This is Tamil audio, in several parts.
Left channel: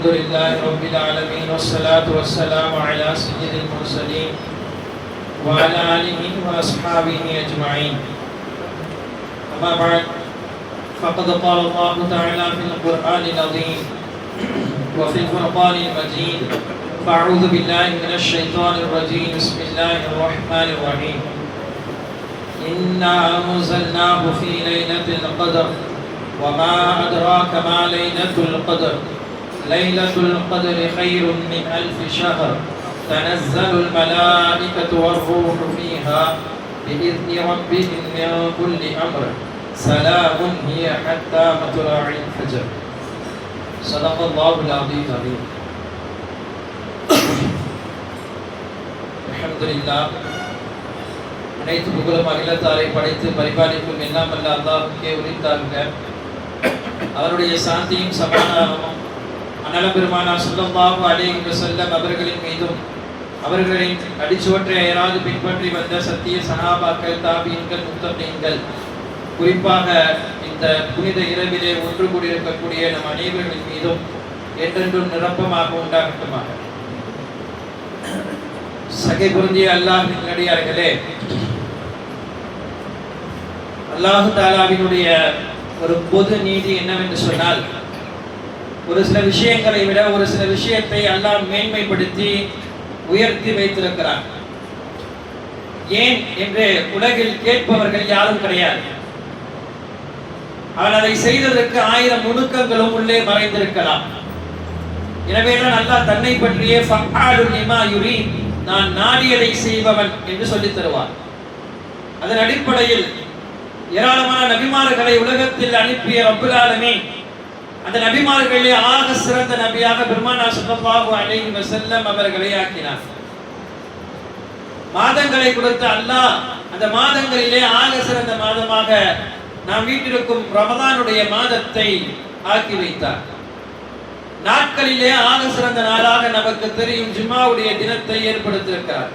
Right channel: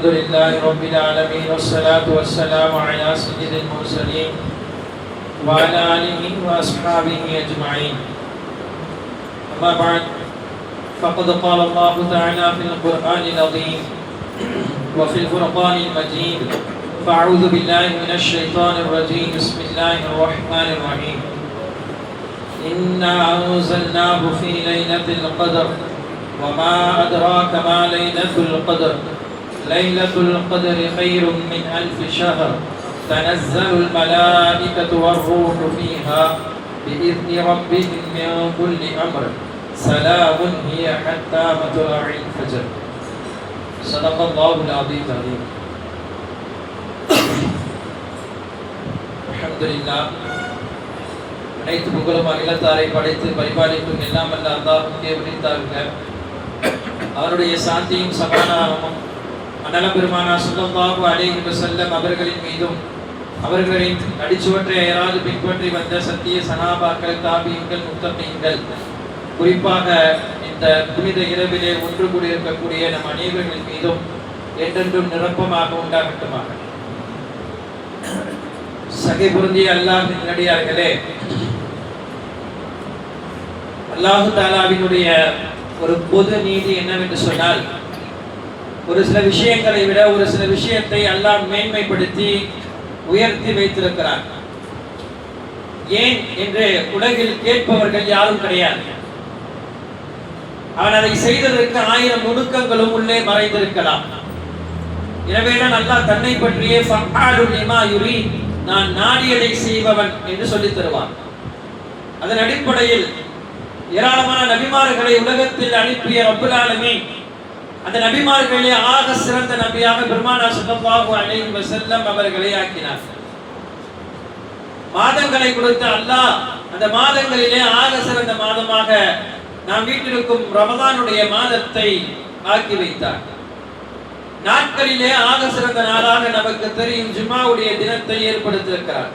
الحمد لله رب العالمين والصلاة والسلام على سيد المرسلين وعلى آله وأصحابه أجمعين. أما بعد فقد قال الله تعالى في القرآن العظيم وفي الفرقان المجيد: فأعوذ بالله من الشيطان الرجيم. بسم الله الرحمن الرحيم. إنا أنزلناه في ليلة القدر وما أدراك ما ليلة القدر. ليلة القدر خير من 1000 شهر. تنزل الملائكة والروح فيها بإذن ربهم من كل أمر. سلام هي حتى مطلع الفجر. صدق الله العظيم. الحمد لله. அனைத்து புகழும் அகிலத்தாரை படைத்து பரிபாலிக்கும் எல்லாம் அல்ல அல்லாஹ்வுக்கே உரித்தாகுக. அவருடைய சாந்தியும் சமாதானமும் அன்னலம் பெருமானார் ஸல்லல்லாஹு அலைஹி வஸல்லம் அவர்களின் மீதும் அவர்களின் அடிச்சுவற்றை ஏறாது பின்பற்றி வந்த சத்திய சனாபாக்கள், தாபீன்கள், முத்தமீன்கள், குறிப்பாக இந்த புனித இரவிலே ஒன்று கூடியிருக்கக்கூடிய நம் அனைவர்களின் மீதும் என்றென்றும் நிரப்பமாக உண்டாகட்டுமாக. சகை பொருந்திய அல்லாஹ்வின் நல்லடியார்களே, அல்லாஹ் தஆலாவினுடைய ஒரு பொது நீதி என்னவென்று சொன்னால், ஒரு சில விஷயங்களை விட ஒரு சில விஷயத்தை அல்லாஹ் மேன்மைப்படுத்தி உயர்த்தி வைத்திருக்கிறார். ஏன் என்று உலகில் கேட்பவர்கள் யாரும் கிடையாது. அவன் அதை செய்ததற்கு 1000 நுணுக்கங்களும் உள்ளே மறைந்திருக்கலாம். எனவேதான் அல்லாஹ் தன்னை பற்றியே ஃபஅலு லிமா யுரீத், நான் நாடியதை செய்பவன் என்று சொல்லித் தருவார். அதன் அடிப்படையில் ஏராளமான நபிமார்களை உலகத்தில் அனுப்பிய ரப்புல் ஆலமீன் அந்த நபிமார்களிலே ஆக சிறந்த நபியாக பெருமானார் ஸல்லல்லாஹு அலைஹி வஸல்லம் அவர்களை ஆக்கினார். மாதங்களை கொடுத்த அல்லாஹ் அந்த மாதங்களிலே ஆக சிறந்த மாதமாக நாம் வீட்டிற்கும் ரமதானுடைய மாதத்தை ஆக்கி வைத்தார். நாட்களிலே ஆக சிறந்த நாளாக நமக்கு தெரியும் ஜும்ஆவுடைய தினத்தை ஏற்படுத்தியிருக்கிறார்.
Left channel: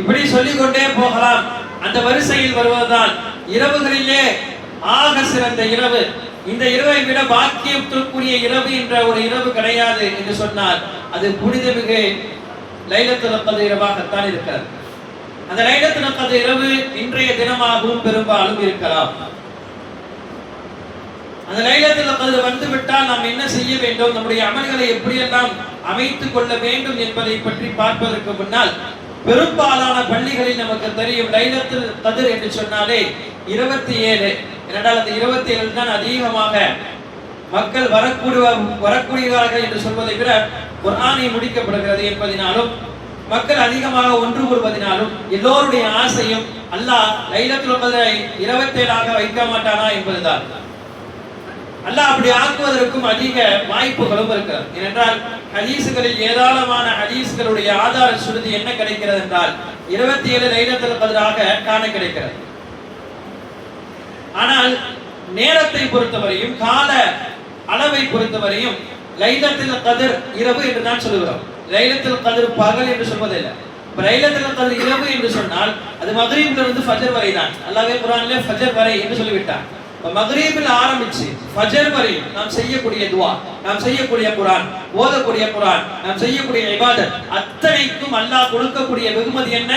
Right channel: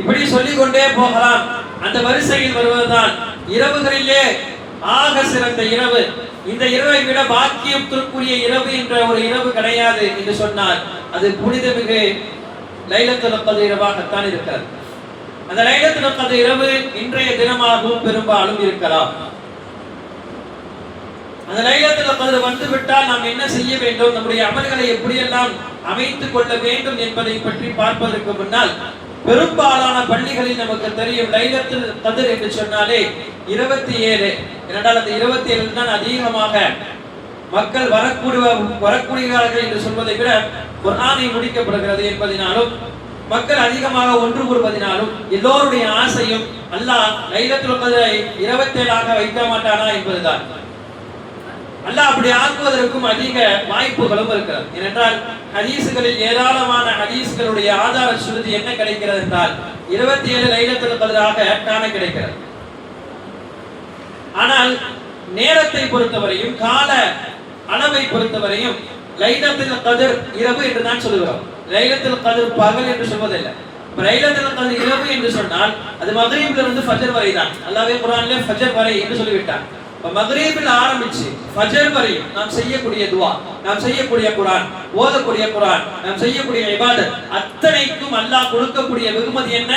இப்படி சொல்லிக்கொண்டே போகலாம். அந்த வரிசையில் வருவதுதான் இரவுகளிலே ஆக சிறந்த இரவு. இந்த இரவை விட பாக்கியத்திற்குரிய இரவு என்ற ஒரு இரவு கிடையாது என்று சொன்னார். அது புனிதமிகு லைலத்துல் கத்ர் இரவாகத்தான் இருக்கிறது. அந்த லைலத்துல் கத்ர் இரவு இன்றைய தினமாகவும் பெரும்பாலும் இருக்கலாம். அந்த லைலத்துல் கத்ர் வந்து விட்டால் நாம் என்ன செய்ய வேண்டும், நம்முடைய அமல்களை எப்படியெல்லாம் அமைத்துக் கொள்ள வேண்டும் என்பதை பற்றி பார்ப்பதற்கு முன்னால், பெரும்பாலான பள்ளிகளில் நமக்கு தெரியும் லைலத்துல் கத்ர் என்று சொன்னாலே 27. இரண்டால் அந்த 27 தான் அதிகமாக மக்கள் வரக்கூடியவர்கள் என்று சொல்வதை விட குர்ஆனை முடிக்கப்படுகிறது என்பதனாலும் மக்கள் அதிகமாக ஒன்று கூறுவதனாலும் எல்லோருடைய ஆசையும் அல்லாஹ் லைலத்துல் கத்ரை 27ஆக வைக்க மாட்டானா என்பதுதான். அல்லாஹ் அப்படி ஆக்குவதற்கும் அதிக வாய்ப்புகளும் இருக்கிறது. ஏனென்றால் ஹதீஸ்களில் ஏராளமான ஹதீஸ்களுடைய ஆதார சுருதி என்ன கிடைக்கிறது என்றால் 27 லைலத்துல் கத்ராக காண கிடைக்கிறது. ஆனால் நேரத்தை பொறுத்தவரையும் கால அளவை பொறுத்தவரையும் லைலத்துல் கத்ர் இரவு என்று தான் சொல்லுகிறோம். லைலத்துல் கத்ர் பகல் என்று சொல்வதில்லை. லைலத்துல் கத்ர் இரவு என்று சொன்னால் அது மக்ரிபிலிருந்து ஃபஜர் வரை தான். அல்லாஹ்வே குர்ஆனிலே ஃபஜர் வரை என்று சொல்லிவிட்டார். மக்ரிபில் ஆரம்பிச்சு ஃபஜர் வரை நாம் செய்யக்கூடிய துஆ, நாம் செய்யக்கூடிய குர்ஆன், ஓதக்கூடிய குர்ஆன், நாம் செய்யக்கூடிய இபாதத் அத்தனைக்கும் அல்லாஹ் கொடுக்கக்கூடிய வெகுமதி என்ன?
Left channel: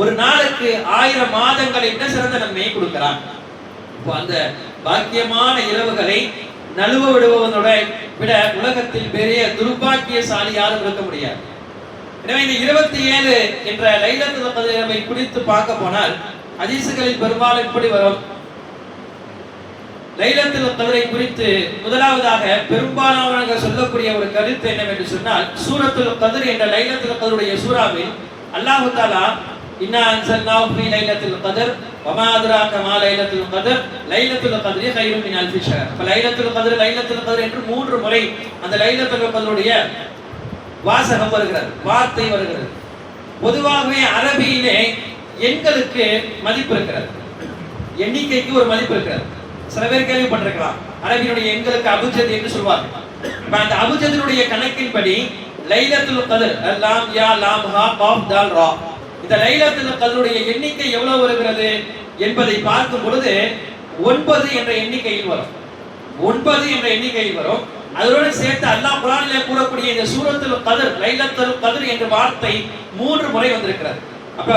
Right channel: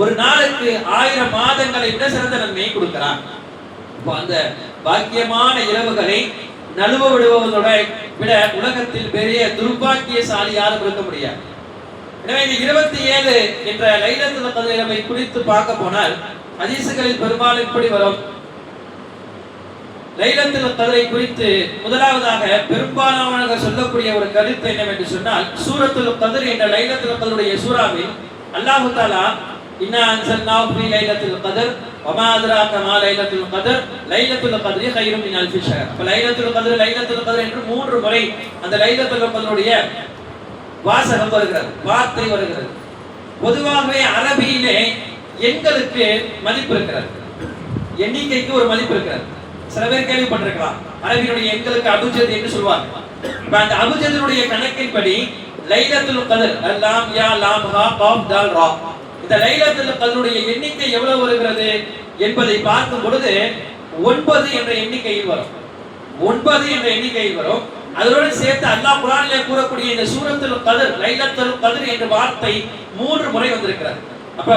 ஒரு நாளுக்கு 1000 மாதங்களை விட சிறந்த நன்மையை கொடுக்கிறான். அந்த பாக்கியமான இரவுகளை நழுவ விடுவதோட விட உலகத்தில் பெரிய துர்பாக்கியசாலி யாரும் இருக்க முடியாது. எனவே இந்த 27 என்ற லைலத்துல் கத்ர் இரவை குறித்து பார்க்க போனால் ஹதீஸ்களில் பெரும்பாலும் இப்படி வரும். லைலத்துல் கத்ரை குறித்து முதலாவதாக பெரும்பாலானவர்கள் சொல்லக்கூடிய ஒரு கருத்து என்னவென்று சொன்னால், சூரத்துல் கத்ர் என்ற லைலத்துல் கத்ருடைய சூராவில் அல்லாஹ் தஆலா இன்னா அன்ஸல்னாஹு ஃபீ லைலத்துல் கத்ர் வமா அத்ராக மா லைலத்துல் கத்ர் லைலத்துல் கத்ரி கைரும் மின் அல்ஃபி ஷஹர். அப்ப லைலத்துல் கத்ர் என்று 3 முறை அந்த லைலத்துல் கத்ருடைய வாசகம் வருகிறது, வார்த்தை வருகிறது. பொதுவாகவே அரபியிலே எண்களுக்கு மதிப்பு இருக்கிறது, எண்ணிக்கைக்கு ஒரு மதிப்பு இருக்கிறது. சில பேர் கேள்விப்பட்டிருக்கலாம், அரபியினுடைய எண்களுக்கு அபுஜத் என்று சொல்வாங்க. அந்த அபுஜதினுடைய கணக்கின்படி லைலத்துல் கத்ர் லாம் யா லாம் ஹா காஃப் தால் ரா, இந்த லைலத்துல் கத்ருடைய எண்ணிக்கை எவ்வளவு வருகிறது என்பதை பார்க்கும் பொழுது 9 என்ற எண்ணிக்கையில் வரும். 9 என்ற எண்ணிக்கையில் வரும். அதோடு சேர்த்து அல்லாஹ் குர்ஆனிலே கூறக்கூடிய இந்த சூரத்துல் கத்ர், லைலத்துல் கத்ர் என்ற வார்த்தை 3 முறை வந்திருக்கிறது. அப்ப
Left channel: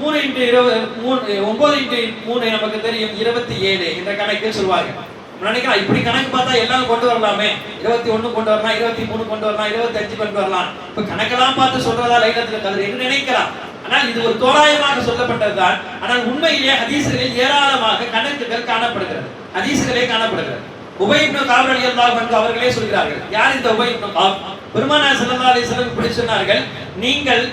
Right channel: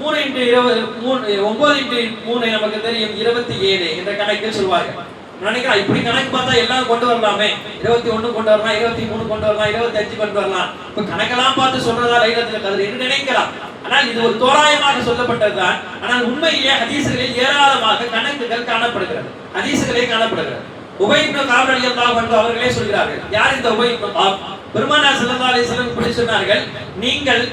3 × 20 9 × 3 நமக்கு தெரியும் 27 என்ற கணக்கில் சொல்வார்கள். நினைக்கிறேன் இப்படி கணக்கு பார்த்தா எல்லாம் கொண்டு வரலாமே, 21 கொண்டு வரலாம், 23 கொண்டு வரலாம், 25 கொண்டு வரலாம். இப்ப கணக்கெல்லாம் பார்த்து சொல்றதா லைலத்துல் கத்ர் என்று நினைக்கலாம். ஆனால் இது ஒரு தோராயமாக சொல்லப்பட்டதுதான். ஆனால் உண்மையிலே ஹதீஸ்களில் ஏராளமாக கணக்குகள் காணப்படுகிறது, ஹதீஸ்களே காணப்படுகிறது. உபை இப்னு கஅப் ரலியல்லாஹு அன்ஹு அவர்களே சொல்கிறார்கள். யார் இந்த உபை இப்னு கஅப்? பெருமானார் ஸல்லல்லாஹு அலைஹி வஸல்லம் இப்படி சொன்னார்கள், நீங்கள்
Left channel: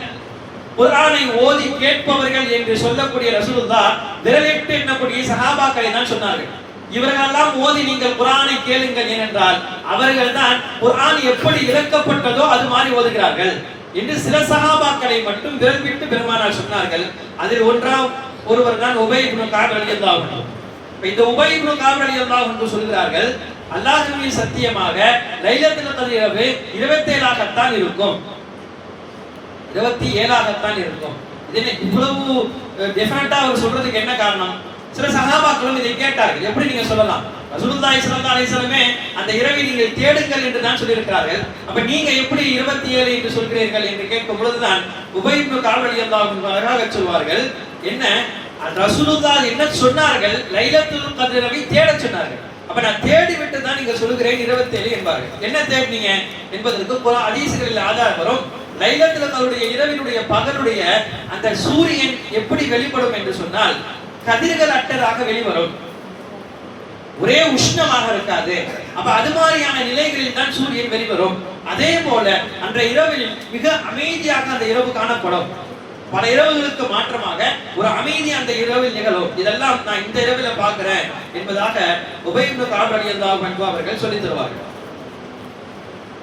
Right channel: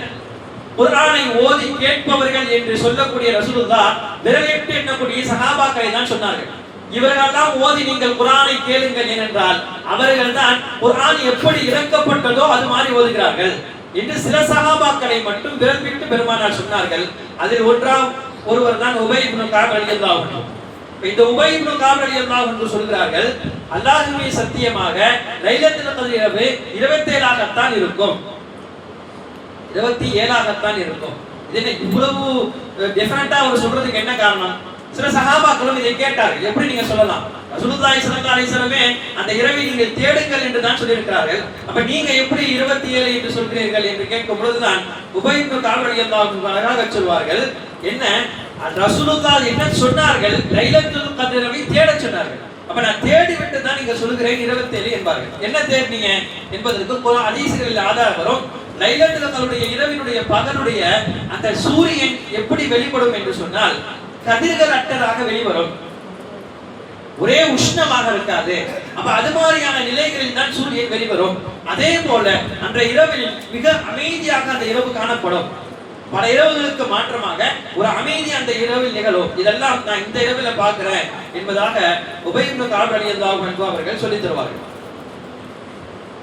குர்ஆனை ஓதி கேட்பவர்கள் என்று சொல்லக்கூடிய ரசூலுல்லாஹ் விரலிட்டு எண்ணக்கூடிய சஹாபாக்களை தான் சொன்னார்கள். இவர்களெல்லாம் ஓதி நீங்கள் குர்ஆனை கேளுங்கள் ஏனென்றால் அவர்கள் தான் குர்ஆன் எப்படி இறக்கப்பட்டதோ அது மாதிரி ஓதுகிறார்கள் என்று சில சஹாபாக்களை மட்டும் விரல்விட்டு பெருமானார் சொன்னார்கள். அதில் ஒருவர் தான் உபை இப்னு கஅப் ரலியல்லாஹு அன்ஹு. இந்த உபை இப்னு கஅப் ரலியல்லாஹு அன்ஹு சொல்கிறார்கள், அல்லாஹ்வின் சத்தியமாக லைலத்துல் கத்ர் இரவு 27ஆகத்தான் இருக்கும், 27ஆகத்தான் இருக்கும். இது இவ்வளவு டெஃபினட்டா அவர் சொல்றதுக்கு என்ன காரணம்? சில சஹாபாக்களும் இதை கேட்டார்கள், எப்படி நீங்க சொல்லலாம்? ரசூலுல்லாஹி ஸல்லல்லாஹு அலைஹி வஸல்லமே அந்த இரவை நீங்கள் தேடுங்கள் என்று தான் சொல்லியிருக்கிறார்கள். அப்ப நீங்க எப்படி 27 என்று சொல்கிறீர்கள் என்று கேட்கும் பொழுதுதான் உபை இப்னு கஅப் ரலியல்லாஹு அன்ஹு அழகாக சொல்வார்கள், என்ன ரசூலுல்லாஹ் என்ன சொன்னார்கள்? லைலத்துல் கத்ரை தேட சொன்னார்கள். அப்ப நான் தேடி விட்டு தான் நீங்க சொல்கிறேன் 27 என்பார்கள். என்ன தேடினீங்க என்பதற்கு குர்ஆன் ஹதீஸ்களில் ஆதாரம் வரும். லைலத்துல் கத்ருடைய இரவினுடைய பகலுடைய அந்த சூரியன் எப்படி வெளிப்படும் என்று சொன்னால் கதிர்கள் அற்றதாக வெளிவரும், ஒரே உஷ்ணமாக இருக்காது. அப்ப அது மாதிரியான நிலைகளில் தான் சூரியன் வெளிவரும். அதே போல அன்றைய இரவில் மிக அமைதியாக அந்த இரவு காணப்படும். பல இரவுகளுக்கு மாற்றமாக ஒரு அமைதி அந்த இரவில் நிகழும். இதெல்லாம் நான் இந்த இரவில பார்க்கிறேன் என்பதாக உபை இப்னு கஅப் ரலியல்லாஹு அன்ஹு அவர்கள் சொல்லித் தருவார்கள்.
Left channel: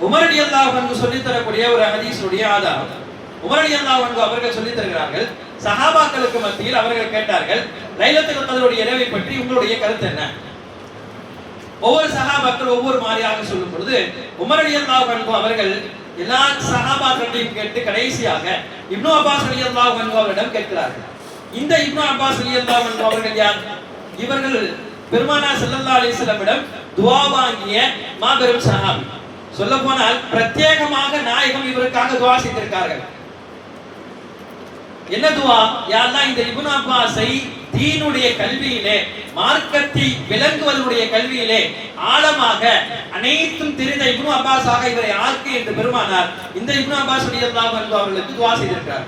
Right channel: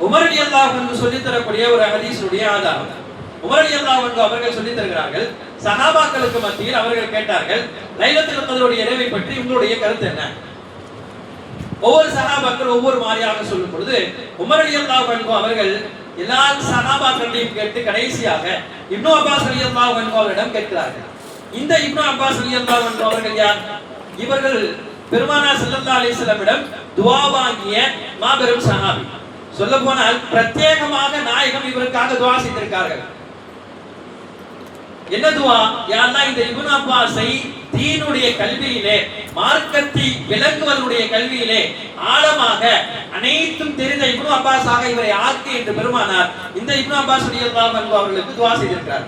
உமர் ரலியல்லாஹு அன்ஹு சொல்லித் தரக்கூடிய ஒரு ஹதீஸுடைய ஆதாரம். உமர் ரலியல்லாஹு அன்ஹு அவர்கள் சொல்லித் தருகிறார்கள், சஹாபாக்களுக்கு மத்தியில் அவர்கள் கேட்டார்கள், லைலத்துல் கத்ருடைய இரவை பற்றி உங்களுடைய கருத்து என்ன? ஒவ்வொரு சஹாபாக்கள் ஒவ்வொரு மாதிரியாக சொல்லும் பொழுது உமர் ரலியல்லாஹு அன்ஹு அவர்கள் எல்லா சஹாபாக்களையும் கேட்டு கடைசியாக இப்னு அப்பாஸ் ரலியல்லாஹு அன்ஹு அவரிடம் கேட்கிறார்கள். இந்த இப்னு அப்பாஸ் ரலியல்லாஹு அன்ஹு அவர்கள் யார்? இவர்கள் பெருமானார் ஸல்லல்லாஹு அலைஹி வஸல்லமிடம் துஆ வாங்கிய மாபெரும் சஹாபி. சொல்ல போனால் பிரத்யேகமாக நாயகம் இவருக்காக துஆ செய்திருக்கார்கள். என்ன துஆ? யா அல்லாஹ், இந்த இப்னு அப்பாஸை தீனுடைய கல்வியிலே, மார்க்கத்தை விளங்குவதுடைய கல்வியிலே ஆழமாக அனைத்தும் தெரிந்த இப்னு அப்பாஸாக இவரை ஆக்கு என்று பெருமானார் இந்த இப்னு அப்பாஸ் ரலியல்லாஹு அன்ஹு அவர்களுக்கு துஆ செய்திருக்கிறார்.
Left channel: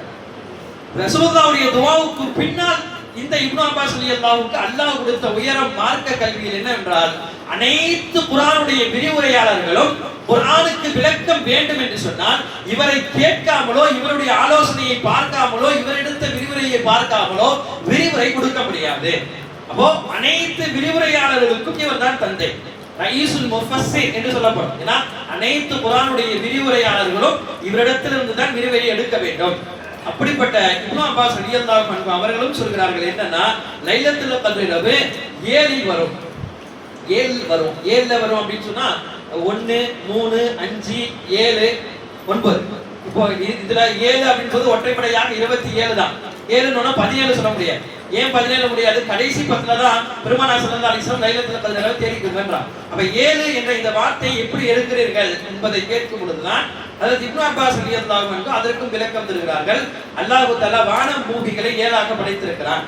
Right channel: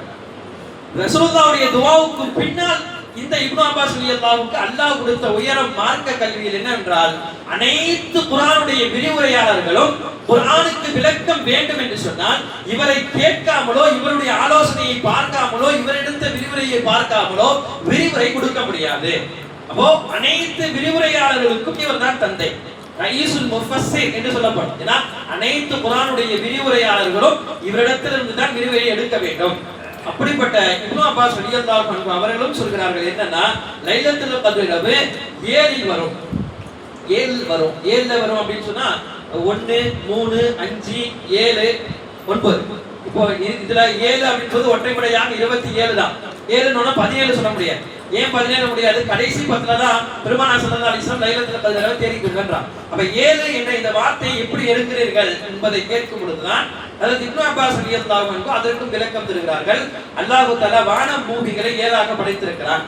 ரசூலுல்லாஹ்வுடைய துஆவுக்கு பின்னால் இந்த இப்னு அப்பாஸ் ரலியல்லாஹுக்கு அல்லாஹ் கொடுத்த உயரம் மார்க்க கல்வியில் என்னவென்றால், அனைத்து குர்ஆனுடைய விரிவுரையாளர்களும் குர்ஆனுக்கு விளக்கம் வேண்டும் என்று சொன்னால் இவரை கேட்காமலோ, இவருடைய ஆலோசனையை பார்க்காமலோ, இவரிடத்த விரிவுரையை பார்க்காமலோ விரிவுரை கொடுக்க முடியாது. அப்போ அனைத்து விரிவுரையாளர்களுக்கும் இவர் தான் தந்தை, ரயீசுல் முஃபஸ்ஸிர் என்று சொல்லப்படும். ஏன்னா அனைத்து குர்ஆனுடைய விரிவுரையாளர்களும் இவரிடத்திலிருந்து தான் விரிவுரை எடுக்க வேண்டும். அப்படிப்பட்ட இப்னு அப்பாஸ் ரலியல்லாஹு அன்ஹு அவர்களும் சொல்கிறார்கள், என்னன்னா லைலத்துல் கத்ர் இரவு 7 வரும், 7 வரும் அப்படின்னு சொன்னா 1 3 5 7 9. இப்போ இதுல 7 அப்படின்றது ஒற்றைப்படையாக 27 தான். 7ன்னு 17 சொல்ல முடியாது. ஏன் 17 முடியாது? கடைசி 10ல தான் பெருமானார் ஸல்லல்லாஹு அலைஹி வஸல்லம் லைலத்துல் கத்ரை தேடிக்கொள்கிறார். அப்ப 7 என்ற இந்த வார்த்தையை எப்படி எடுக்கிறீர்கள் என்பதை கேட்கும் பொழுதுதான் அதாவது இப்னு அப்பாஸ் ரலியல்லாஹு அன்ஹு அதற்கும் விளக்கம் தருகிறார்கள். அல்லாஹ் தஆலா வானம் பூமிகளை 7ஆக படைத்திருக்கிறார்.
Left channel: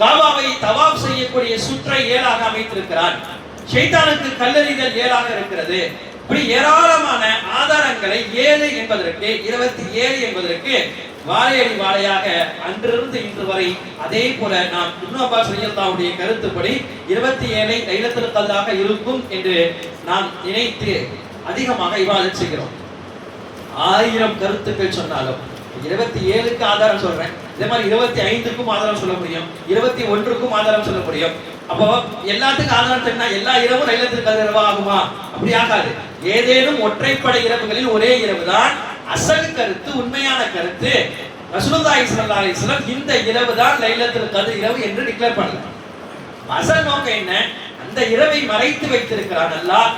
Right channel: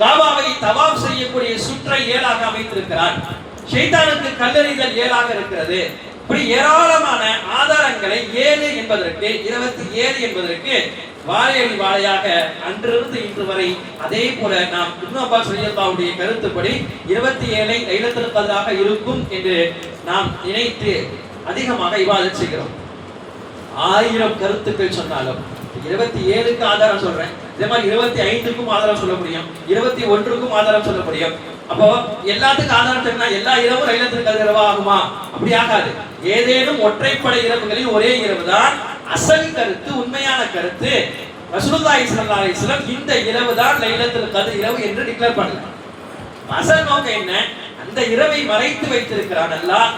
காபாவை தவாப் செய்யக்கூடிய சுற்றை 7ஆக அமைத்திருக்கிறார். ஷைத்தானுக்கு கல்லெறிதல் 7ஆக இருக்கிறது. இப்படி ஏராளமான ஆதாரங்களை 7 என்பதற்கு 27 என்பதற்கு வாழையடி வாழையாக அன்றிலிருந்து இன்று வரை அதே போல நாம் இப்னு அப்பாஸ் ரலியல்லாஹுடைய கருத்துப்படி 27 லைலத்துல் கத்ராக இருக்கும் என்று நாம் நினைத்து அதிகமாக இபாதத் செய்கிறோம். 1000 கருத்துக்கள் சொன்னாலும் 27க்கு ஆதாரம் சொல்றேன், இதே மாதிரி 25க்கும் ஆதாரம் சொல்ல முடியும், 21க்கும் ஆதாரம் சொல்ல முடியும். அப்போ எல்லாத்துக்கும் ஆதாரம் சொன்னா எல்லா இரவும் லைலத்துல் கத்ர் இரவா ஆகுமா? அப்படி ஆகாது. ஏதேனும் ஒற்றைப்படை இரவுகளில் ஒரே இரவு தான் அசல் கருத்து, உண்மையான கருத்து. ரசூலுல்லாஹி ஸல்லல்லாஹு அலைஹி வஸல்லம் இந்த இரவு தான் லைலத்துல் கத்ர் இரவு என்று டிக்ளேர் பண்ணல. அசல் நோக்கம் என்ன? அந்த இரவை மறைத்து வைத்திருக்கிறான் அல்லாஹ்.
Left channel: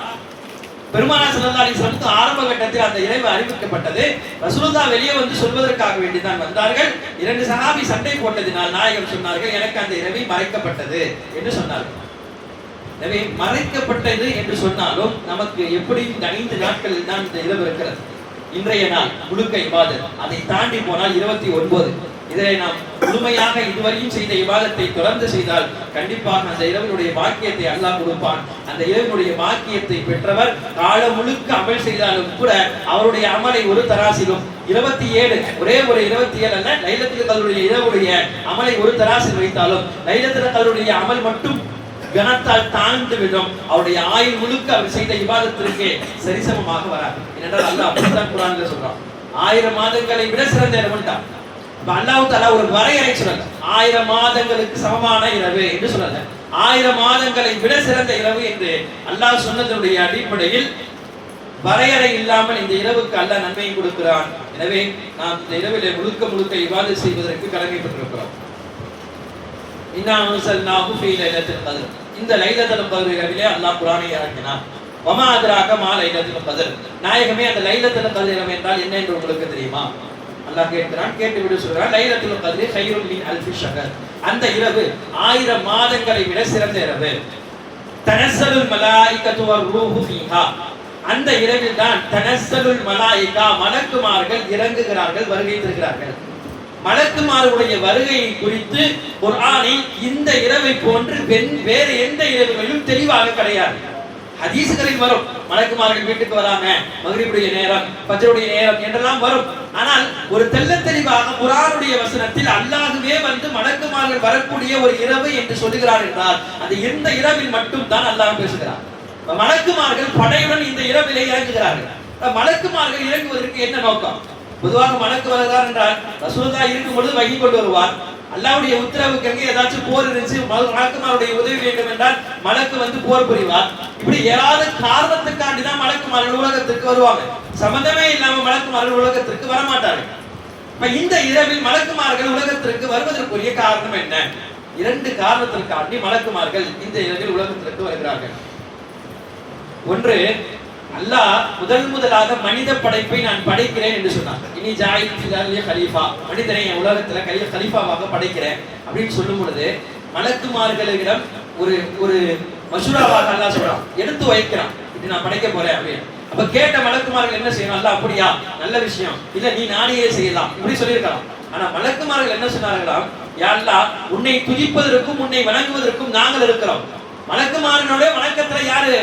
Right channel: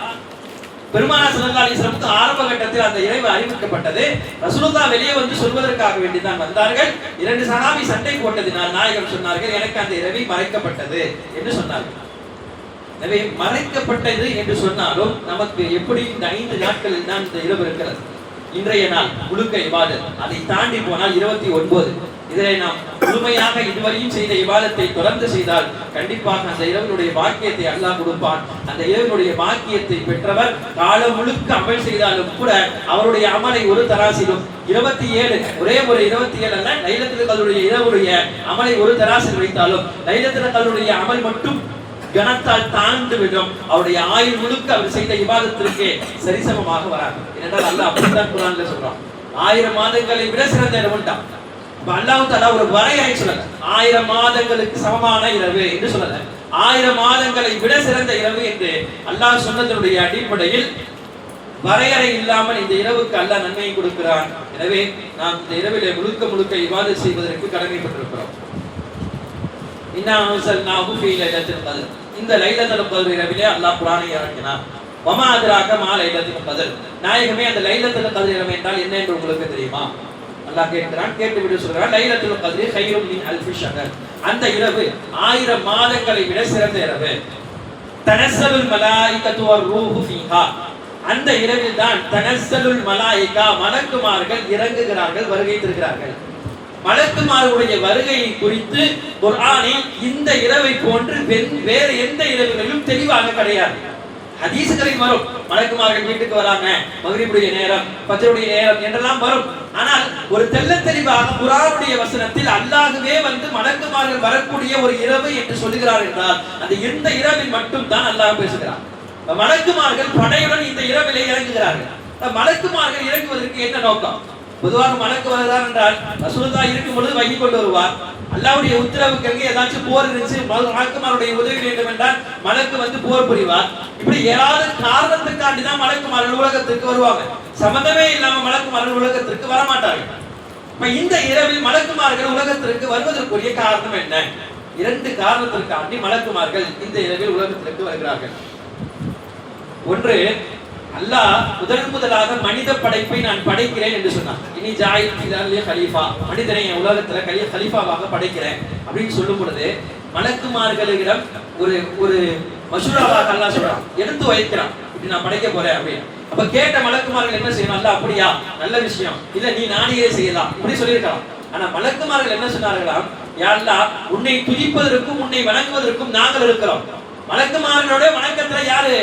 பெருமானார் ஸல்லல்லாஹு அலைஹி வஸல்லம் ஆரம்ப கட்டத்தில் அந்த இரவு அறிவிக்கப்பட்டது. ரசூலுல்லாஹ் வெளியே வந்து சொல்வதற்காக வேண்டி தான் வந்தார்கள். 2 சஹாபி சண்டை போட்டதினால் நாயகம் சொன்னார்கள், எனக்கு அந்த இரவு மறைக்கப்பட்டது என்று சொன்னார்கள். எனவே மறைக்கப்பட்டது என்று சொன்னாலும் நமக்கு எப்படி இந்த 5 நாட்களில் தான் இந்த இரவு இருக்கிறது. இன்றைய நாள் முழுக்க இபாதத், அதை தாண்டி போனால் 29. இதை நாம் முழுமையாக இதுவரையும் செய்த இபாதத்தை தொடர்ந்து செய்தால் கண்டிப்பாக அந்த இரவினுடைய பாக்கியத்தை அல்லாஹ் கொடுப்பான். அந்த இரவினுடைய பாக்கியத்தை பெற்றவர் காலம் முழுக்க அமல் செய்தாலும் கூட அவருடைய அமலை ஒரு தராசிலும் 27 ஒரே ஒரு 27 அல்ல, லைலத்துல் கத்ருடைய இரவுடைய அமலை ஒரு தராசில் வைத்தாலும் லைலத்துல் கத்ருடைய அமல் மட்டும் கனத்தால் தாழ்ந்து விடும். அவருடைய ஆயுள் முழுக்க அவர் செய்த இபாதத்திற்கு சரிசமமாக வராது. ஏனென்றால் அல்லாஹ் அப்படித்தான் குர்ஆன்ல சொல்றான், 1000 மாதங்களை விட சிறந்த இரவுண்டா. அப்ப அல்லாஹ் தஆலா ஒரு வரையறை சொல்லல, 1000 மாதங்களுக்கு சமமான இரவு என்று சொல்லல, 1000 மாதங்களை விட சிறந்த இரவு என்று அல்லாஹ் சொன்னதனுடைய அடிப்படையில் வரையறை இல்லாமல் இந்த இரவுக்கு அல்லாஹ் நன்மையை கொடுக்கிறான். எனவே நாம் இந்த இரவிலே முழுக்க முழுக்க இபாதத் செய்வதற்கு கடமைப்பட்டிருக்கிறோம். இன்னா அன்ஸல்நாஹு ஃபீ லைலத்துல் கத்ர், இந்த லைலத்துல் கத்ர் இரவிலே அல்லாஹ் குர்ஆனை இறக்கினான். வமா அத்ராக மா லைலத்துல் கத்ர், நாயகமே அந்த லைலத்துல் கத்ர் இரவு என்றால் என்ன என்று உங்களுக்கு தெரியுமா? அல்லாஹ் கேட்கிறான். கேட்டுவிட்டு சொல்றான், லைலத்துல் கத்ரி கைரும் மின் அல்ஃபி ஷஹர், அந்த இரவு 1000 மாதங்களை விட சிறந்த இரவு. தனஸ்ஸலுல் மலாயிகத்து வர்ரூஹு ஃபீஹா, அந்த இரவில் தான் தனஸ்ஸலுல் மலாயிகா, மலக்குமார்கள் இறங்குகிறார்கள், வருகை தருகிறார்கள். மலக்குமார்களுடைய வருகையை குறித்து குர்ஆனில் இந்த இரவை போன்று வேற எந்த இரவுகளிலும் தெளிவாக கிடையாது. ஹதீஸ்களில் வரும், மலக்குமார்கள் வீட்டுக்கு வராங்க, மக்ரிபுடைய நேரம், ஃபஜ்ருடைய நேரம் என்றெல்லாம் வரும். ஆனால் ஒரு தெளிவாக குர்ஆனுடைய வசனத்தில் அல்லாஹ்வே வந்து மலக்குமார்கள் வரக்கூடிய ஒரு இரவு என்று சொல்லுகிறார் என்றால் அந்த இந்த இரவில் மட்டும் தான் அல்லாஹ் பேசுகிறார். மலக்குமார்கள் படையுடன் இந்த இரவிலே இறங்குகிறார்கள். மலக்குமார்கள் இறங்குவதற்கு என்ன நோக்கம்? பொதுவாக மலக்கு வருகிறார் என்றால் ரசூலுல்லாஹ் இருக்கும் பொழுது வகி கொண்டு வருவார். அல்லாஹ்வுடைய உத்தரவுக்கு அங்கே ஏதாச்சும் போர் இருந்துச்சு, மலக்குமாருடைய உதவி வேண்டும் என்றால் மலக்கு வந்து போர் புரிவார். இப்படி ஏதாவது காரணத்துக்காண்டி தான் மலக்குமார்கள் உலகத்திற்கு வருவாங்க. சம்பந்தமே இல்லாம மலக்குமார்கள் உலகத்திற்கு வரமாட்டார்கள். இப்ப இந்த இரவில் மலக்குமார்கள் உலகத்திற்கு வருவதற்குரிய காரணம் என்ன? 2 காரணத்திற்காண்டி மலக்குமார்கள் இந்த இரவில் உலகத்திற்கு வருகிறார்கள். ஒன்று, அல்லாஹ் முதலாக மனித படைப்பை நான் படைக்கிறேன் என்று சொன்னான். இனி ஜாயில் ஃபில் கலீஃபா, மனிதனை உலகத்துல கலீஃபாவாக படைக்கிறேன் அப்படின்னு சொல்லும் பொழுது மலக்குமார்களிடம் ஒரு ஒரு மஷூராவாக அல்லாஹ் சொல்றான், எடுத்து வைக்கிறான், இப்படி நான் படைக்க போறேன் அப்படின்னு. அப்ப கேட்ட மலக்குமார்கள் என்ன செய்யணும்? அல்லாஹ் அப்படியா, நல்ல விஷயம், இல்ல நீ நானே செய்யலாம் இப்படி சொல்லியிருக்கலாம். ஆனா மலக்குமார்கள் என்ன சொன்னார்களாம், யா அல்லாஹ், உன்னை துதிப்பதற்கும் உன்னை வணங்குவதற்கும் நாங்கள் இருக்கிறோம். மலக்குமார்களோட வணக்கத்துல யாரு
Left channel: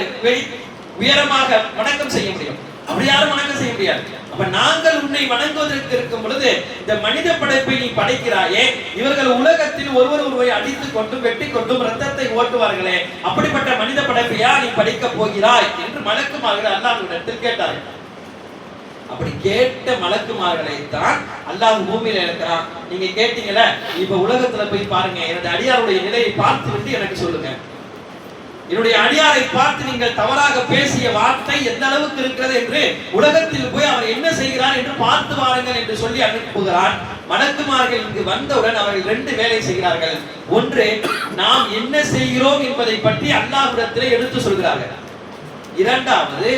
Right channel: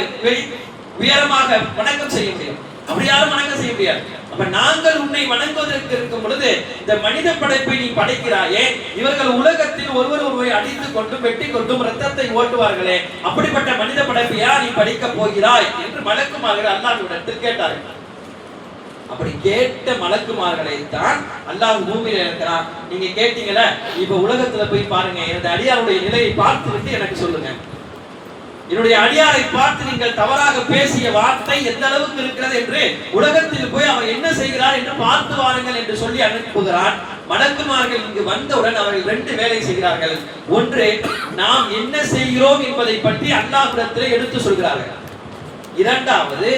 உயரமாக வணக்கம் செய்ய முடியும்? அப்படி யாரும் வணக்கம் செய்ய முடியாது. அப்ப நாங்கள் உன்னை வணங்குவதற்கு இருக்கும் பொழுது இந்த மனித படைப்பை நீ படைக்கிறாயே, இவர்கள் உலகத்தில் ஒருவரை அடித்துக் கொண்டும் வெட்டி கொண்டும் ரத்தத்தை ஓட்டுவார்களே, அப்படிப்பட்ட மனித படைப்பையா நீ படைக்க போகிறாய் என்று மலக்குமார்கள் அல்லாஹ்விடத்தில் கேட்டார்கள். அப்படி கேட்ட மலக்குமார்களை தான் அல்லாஹ் பூமியில இருக்கிறான். நீங்க கேட்டீங்களே, இப்ப உலகத்துல போய் பாருங்க, எனது அடியாருடைய நிலையை பார்த்து விட்டு எனக்கு சொல்லுங்க. என்னுடைய அடியாரை பார்த்து நீங்கள் தவறாக பேசிய வார்த்தை எந்த அளவுக்கு இருக்கிறது என்று உலகத்தில் போய் அவர் என்ன செய்கிறார் என்று பார்த்து வாருங்கள் என்று சொல்லி அனுப்புகிறார். மலக்குமார்கள் இங்கு வந்தவுடன் அவர்கள் 2 வேலை செய்கிறார்கள். ஒன்று, நாம் என்ன செய்கிறோம் என்பதை பற்றி அல்லாஹ்விடத்திலே எடுத்து சொல்கிறார்கள். இரண்டாவது,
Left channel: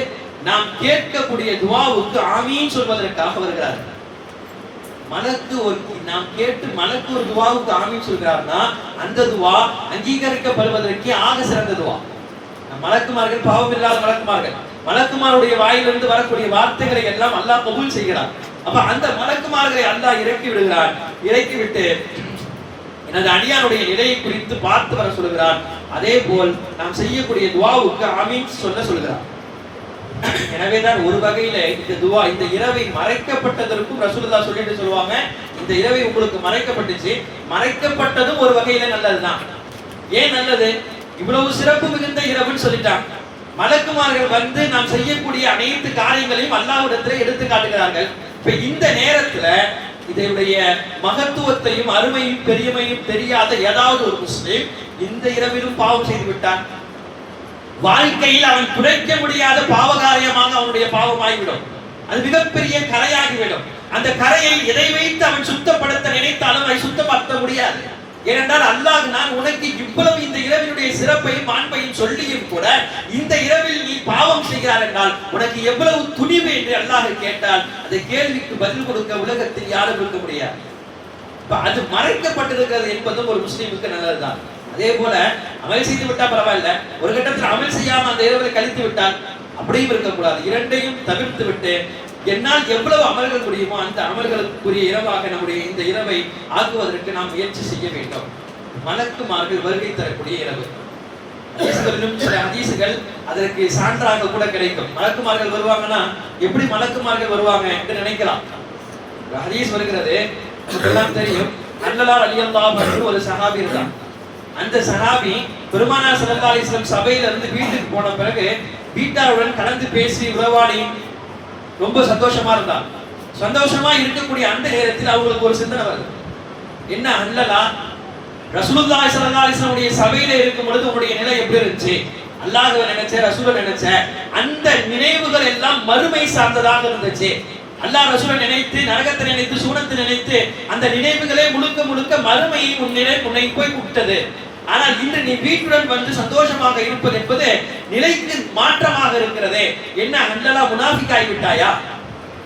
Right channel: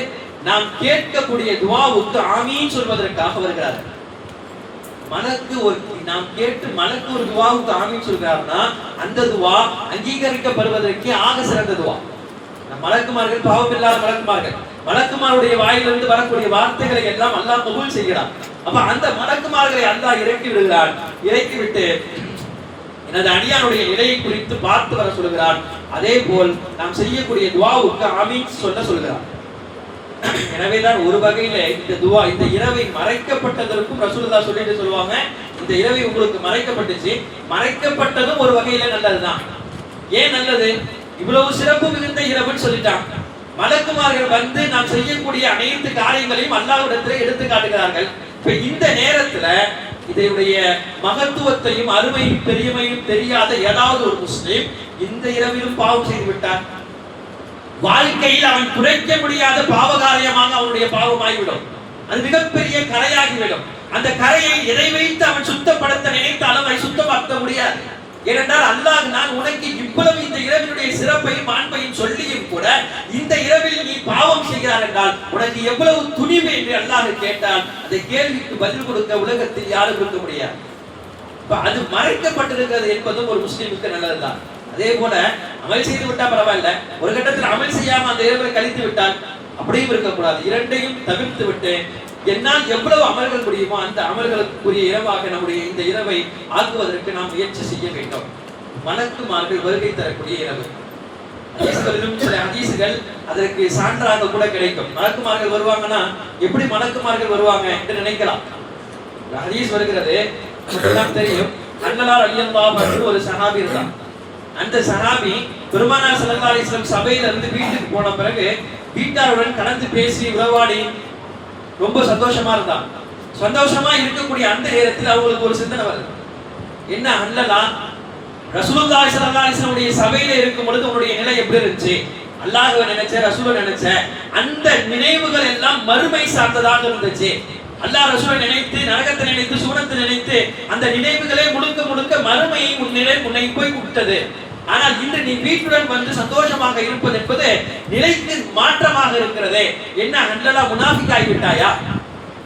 நாம் கேட்கக்கூடிய துஆவுக்கு ஆமீன் சொல்வதற்காக வருகிறார்கள். நாம் கேட்டு மலக்கு ஒரு துஆவுக்கு ஆமீன் சொல்கிறார்னா அந்த துஆ அங்கீகரிக்கப்படுவதற்கு ஆக சிறந்த துஆ. மலக்குமார்கள் பாவமில்லாத மலக்குமாருடைய வாயிலிருந்து வரக்கூடிய வார்த்தைகளை எல்லாம் அல்லாஹ் கபூல் செய்கிறார். அப்ப அந்த மலக்குமார்களை அல்லாஹ் இறக்கி விடுகிறார். இறக்கி விட்டு எனது அடியானுடைய நிலையை குறித்து பார்த்து வர சொல்கிறார். அதே போல் நாம் செய்யக்கூடிய துஆவுக்கு ஆமீன் சொல்கிறார். எனவேதான் ஒரு வகையில இந்த துஆ, இந்த இரவை மறைக்கப்பட்டதற்கும் ரசூலுல்லாஹ் சொல்லிட்டு சொல்லுவாங்க, இந்த இரவை உங்களுக்கு மறைக்கப்பட்டுச்சு, மறைக்கப்பட்டதும் ஒரு வகையில நல்லதுதான். ஏன் நல்லது? இவ்வளவு சிறப்பு மிகுந்த இரவுன்னு சொல்லிட்டாங்க. மலக்குமார்கள் வந்து நாம் செய்யக்கூடிய அனைத்து காரியங்களையும் அல்லாஹ்விடத்திலே எடுத்து காட்டுகிறார்கள். இப்ப இந்த நேரத்துல இதனுடைய மகத்துவத்தையும் அருமையும் பெருமையும் தெரியாத ஏதாவது ஒரு முஸ்லிம் இந்த இரவிலும் பாவம் செய்து விட்டான், வாழ்க்கையில் அவன் குறைக்க முடியாத பாவகாரியமாக அவனுடைய பாவமாகிவிடும். அது மிகப்பெரிய கரையாகிவிடும். அந்த கரையை எதை வைத்து அவன் சுத்தப்படுத்த நினைத்தாலும் அதை சுத்தப்படுத்த முடியாது. ஏனென்றால் அல்லாஹ் நான் உனக்கு இவ்வளவு இந்த இரவினுடைய சிறப்பையும் மாண்பையும் சொல்லியும் கூட இந்த இரவில் நீ பாவம் செய்கிறார் என்றால் உனக்கு எவ்வளவு துணிவு என்று அல்லாஹ் கேட்டால் அந்த கேள்விக்கு பதில் கொடுக்க உலகத்தில் யாரும் இருக்க முடியாது. அது மறைக்கப்பட்டிருக்கிறது என்பதும் ஒரு முஸ்லிமுக்கு நல்லதுதான். அதே போல அமல் செய்து விட்டா பரவாயில்ல, ஒரு கட்டத்தில் அமல் செய்யாம அந்த இரவை கழித்து விட்டால் அப்படியும் இருக்கக்கூடாது. இரண்டையும் தவிர்த்து விட்டு என்னால் எவ்வளவு அமல்கள் முடியுமோ அந்த அமல்களுக்குரிய இரவாக நம்முடைய இந்த இரவை ஆக்குவதற்கு நாம் முயற்சி செய்ய வேண்டும். மலக்குமார்கள் வருகை தரக்கூடிய இரவு, சில ஹதீசுகள் அதற்கு சான்றாக கூட கிடைக்கும். மலக்குமார்கள் வருவாங்கன்னா எப்படி மலக்குமார்கள் வருவாங்க என்று நினைக்கலாம். ஹதீஸ் வருகிறது, தெரியும், அன்ஹு ரலியல்லாஹு அன்ஹு ஒரு சஹாபி இருந்தார். அந்த சஹாபி பெருமானார் ஸல்லல்லாஹு அலைஹி வஸல்லம் சபையில இருந்து வீட்டுக்கு போன பிறகு வீட்டாருடன் கலந்து பேசி உறவாடி ரொம்ப சந்தோஷமா இருந்தார். சந்தோஷமா இருக்கக்கூடிய அந்த நேரத்தில் அவங்களுக்கு ஒரு சிந்தனை வருது. என்ன அன்ஹு ரசூலுல்லாஹி ஸல்லல்லாஹு அலைஹி வஸல்லம் சபையில இருக்கும் பொழுது உங்களுடைய நிலை எப்படி இருந்துச்சு? அல்லாஹ்வை நினைச்ச, ரசூலை நினைச்ச, அந்த நினைவுகள் எல்லாம் மறுமை சார்ந்ததாக இருந்துச்சு. அல்லாஹ் ரசூலை நினைத்து, நரகத்தை நினைத்து, சூனத்தை நினைத்து, அந்த நினைவுகளே முழுக்க முழுக்க மறுமையை உன்னை போய் விட்டது. ஆனால் இன்று நீ வீட்டுடன் வந்து சந்தோஷமாக இருப்பது என்பது நிலைக்கு மாற்றமாக இருக்கிறதே. என்ன அன்ஹு முனாஃபிக் ஆகிவிட்டாயா?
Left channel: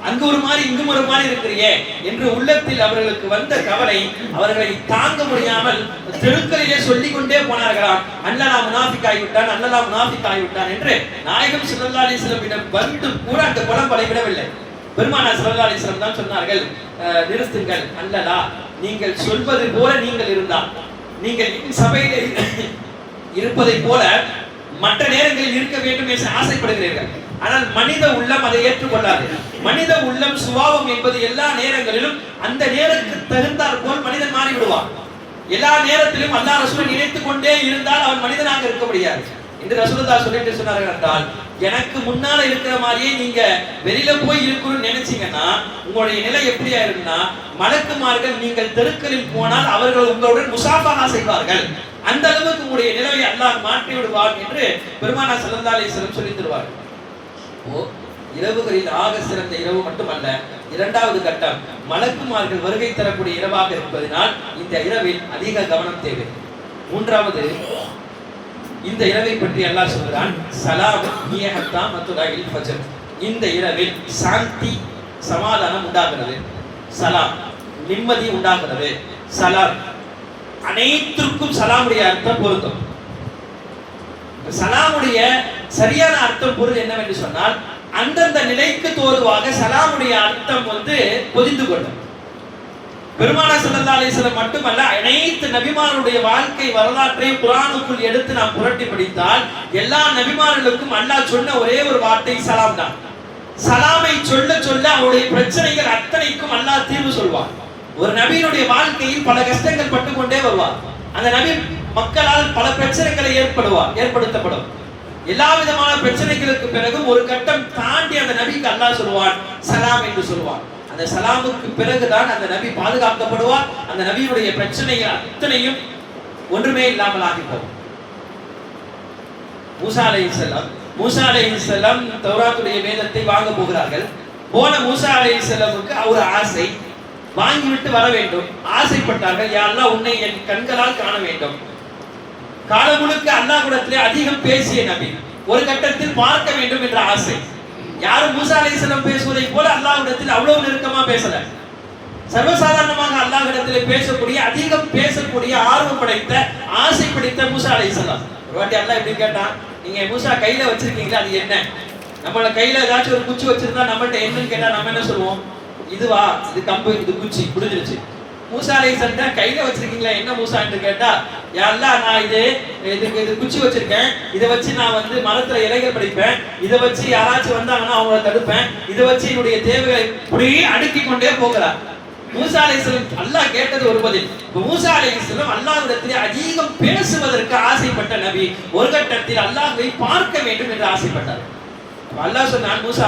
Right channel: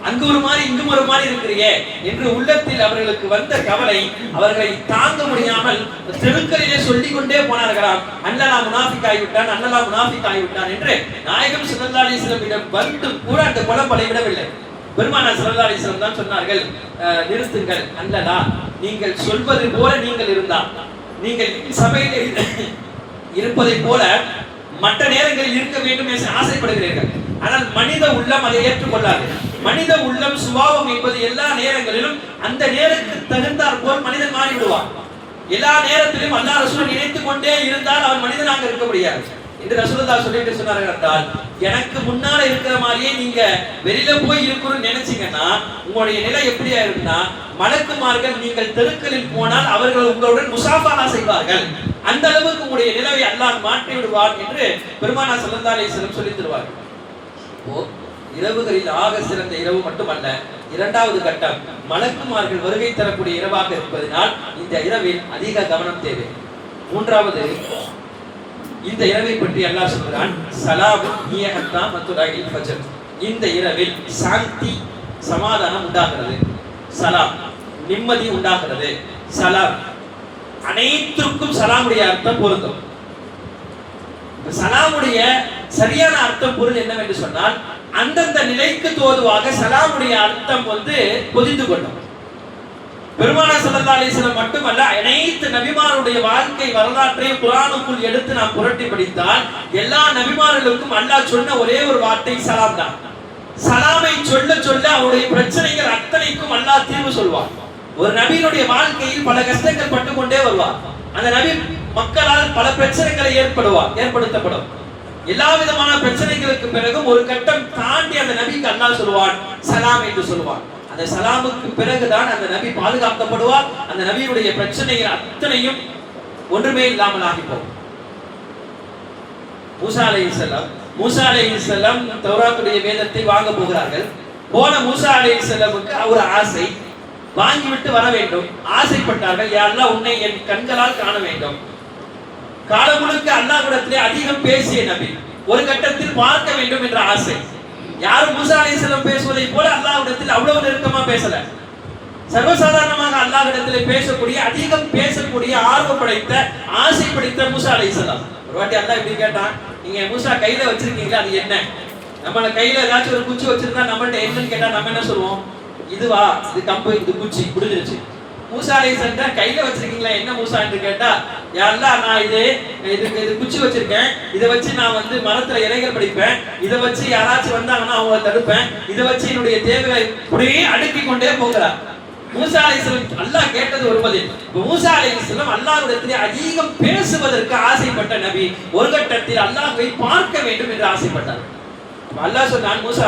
அங்கு ஒரு மாதிரி இங்கும் ஒரு மாதிரி இருக்கிறீங்க என்று உள்ளத்தில் அவர்களுக்கு வந்த கவலை அவர்களை தாங்க முடியாமல் தெருக்களிலே சொல்லிக் கொண்டே போனார்களாம். அன்ஹு முனாஃபிக் ஆகிவிட்டான், அன்ஹு முனாஃபிக் ஆகிவிட்டான் என்று நாயகம் ஸல்லல்லாஹு அலைஹி வஸல்லம் வந்து கூட அந்த குழப்பலை விடவில்லை. பெருமானார் ஸல்லல்லாஹு அலைஹி வஸல்லம் தான் சொன்னார்கள், நிறுத்துங்கள், அன்ஹு நீங்கள் சொல்வது போல நீங்கள் இருந்தால், நீங்கள் சபையிலே இருப்பதை போல மற்ற நேரங்களில் இருக்க வேண்டும் என்று ஆசைப்படுகிறீர்கள். ஆனால் மனித உள்ளம் அதை ஏற்றுக்கொள்ளாது. மனித உள்ளம் சுபாவம் என்பது எல்லா நேரங்களிலும் அந்த நேரத்துக்கு தகுந்தாற் போல் மனிதன் மாறிவிடுவான். எல்லா நேரத்திலும் அல்லாஹ் ரசூலை நினைத்துக் கொண்டே இருந்தால் அவன் மனிதனாக இருக்க முடியாது என்று ரசூலுல்லாஹ் சொல்லிட்டு சொன்னார்கள். என்றால் எனக்கு முன்னால இருக்கிற மாதிரியே நீங்க வெளியில போய் இருக்கணும்னு நினைச்சீங்கன்னா உங்களுடைய நிலை எப்படியா இருக்குன்னா, மலக்குமார்கள் நீங்கள் தெருக்களில் போனால் அவர்கள் உங்களுடன் முசாஃபஹா செய்வார்கள். அந்த அளவுக்கு உங்களுடைய நிலையை அல்லாஹ் மாற்றி விடுவார் என்று பெருமானார் ஸல்லல்லாஹு அலைஹி வஸல்லம் சொல்லி தருவார். இரவுகளில் ஆக சிறந்த இரவு மட்டுமல்ல, இரண்டாவது கட்டம் மலக்குமார்கள் வருகை தரக்கூடிய இரவாக இருப்பதனால் இந்த இரவில் அதிக கவனம் தேவை. மூன்றாவது, இந்த இரவை பற்றி அல்லாஹ் சொல்கிறான், ஸலாம் ஹிய ஹத்தா மத்லஇல் ஃபஜ்ர். இந்த இரவில் சாந்தி, சமாதானம் உண்டாகிறது, சலாம் நிம்மதி உண்டாகிறது. சலாம் அனைத்துக்கும் சலாமுடைய அர்த்தம் பொருந்தும். சலாமுடைய சரியான அர்த்தம் பொருள் என்னவென்று சொன்னால், அந்தந்த நிலைக்கு தோதுவாக சலாமுடைய அர்த்தம் பொதிந்து கொள்ளும். பெருமானார் ஸல்லல்லாஹு அலைஹி வஸல்லம் மட்டுமல்ல, அனைத்து நபிமாருடைய வாழ்க்கை வரலாற்றையும் குர்ஆனுக்குள் எடுத்து நாம் புரட்டி படித்தால் எல்லா நபிமார்களுக்கும் அல்லாஹ் சொன்ன ஒரே ஒரு வார்த்தை சலாம் தான். சலாமை சொல்ல சொல்ல அவருடைய பிரச்சனைகள் அத்தனைக்கும் அல்லாஹ் தீர்வு சொல்வார். ஒரு நபியினுடைய வாழ்க்கையில் பல கஷ்டங்கள் பட்டு கொண்டே வருவார். அந்த நபி மக்களால் பல பிரச்சனைகளை ஏற்படுத்தப்படும். எல்லா விதமான பிரச்சனைகளுக்கு பிறகும் ஒரு கட்டம் தாண்டி அந்த நபிக்கு அல்லாஹ் சொல்வான், சலாம் என்று சொல்வான். அந்த சலாமுக்கு பிறகுதான் அந்த நபி பாதுகாக்கப்படுவார். அந்த நபியுடைய பிரச்சனைகள் அத்தனையும் ஒன்றுமே இல்லாமல் ஆகி போகும். மூசா அலைஹிஸ்ஸலாம் தௌராத்துடைய வேதத்தை வாங்க போகிறார்கள். போன மூசா அலைஹிஸ்ஸலாமுக்கு ஒரு ஆசை, வாங்கிவிட்டு வர வேண்டும். ஆசைப்பட்டார்கள், யா அல்லாஹ் உன்னை என் கண்களால் காண வேண்டும். காலம் முழுக்க அல்லாஹ்விடத்திலே அதிகம் பேசிய நபி, ஒரு கட்டத்தில் பார்க்க வேண்டும் என்ற ஆசை. யாரும் மூசா அலைஹிஸ்ஸலாம் பேசுவதை போல அல்லாஹ்விடத்தில் அவ்வளவு நெருக்கமா பேசல. சர்வசாதாரணமாக அல்லாஹ்விடத்திலே பேசக்கூடிய, அதிகம் பேசக்கூடிய, ஆர்வம் படைத்த, ஆசை படைத்த மூசா அலைஹிஸ்ஸலாம். ஒரு வாட்டி அல்லாஹ் இப்படி கேட்டான், நீங்க மூசா கையில வச்சிருக்கீங்களா, அது என்ன? நம்மள கையில ஏதாச்சும் ஒரு குச்சி வச்சிருந்தா நம்மள்ட்ட என்னன்னு கேட்டா நம்ம என்ன சொல்லுவோம்? இதுவா, இது கம்பு, இது குச்சி, முடிஞ்சிருச்சு. மூசா அலைஹிஸ்ஸலாம் கையில வச்சிருக்கீங்களா, என்ன மூசா என்று கேட்டா, யா அல்லாஹ் நான் இது குச்சி வச்சிருக்கேன், இதை வச்சு நான் மரத்துல இலைகள் படிப்பேன், இதை வச்சு யாராச்சும் வந்தாங்கன்னா அவங்களை தடுப்பேன், இதை வச்சு என்னுடைய தேவைகளை இப்படியே அடுக்கி கொண்டே போகிறார். மூசா அலைஹிஸ்ஸலாம் அல்லாஹ் கேட்டது ஒரு பதில். மூசா அலைஹிஸ்ஸலாம் அல்லாஹ்விடத்திலே அதிகம் பேசுவதற்கு ஆசைப்பட்ட நபி. ஒரு கட்டத்தில் அல்லாஹ்வை பார்க்க வேண்டும் என்று ஆசைப்பட்டார். அல்லாஹ் சொன்னான், மூசா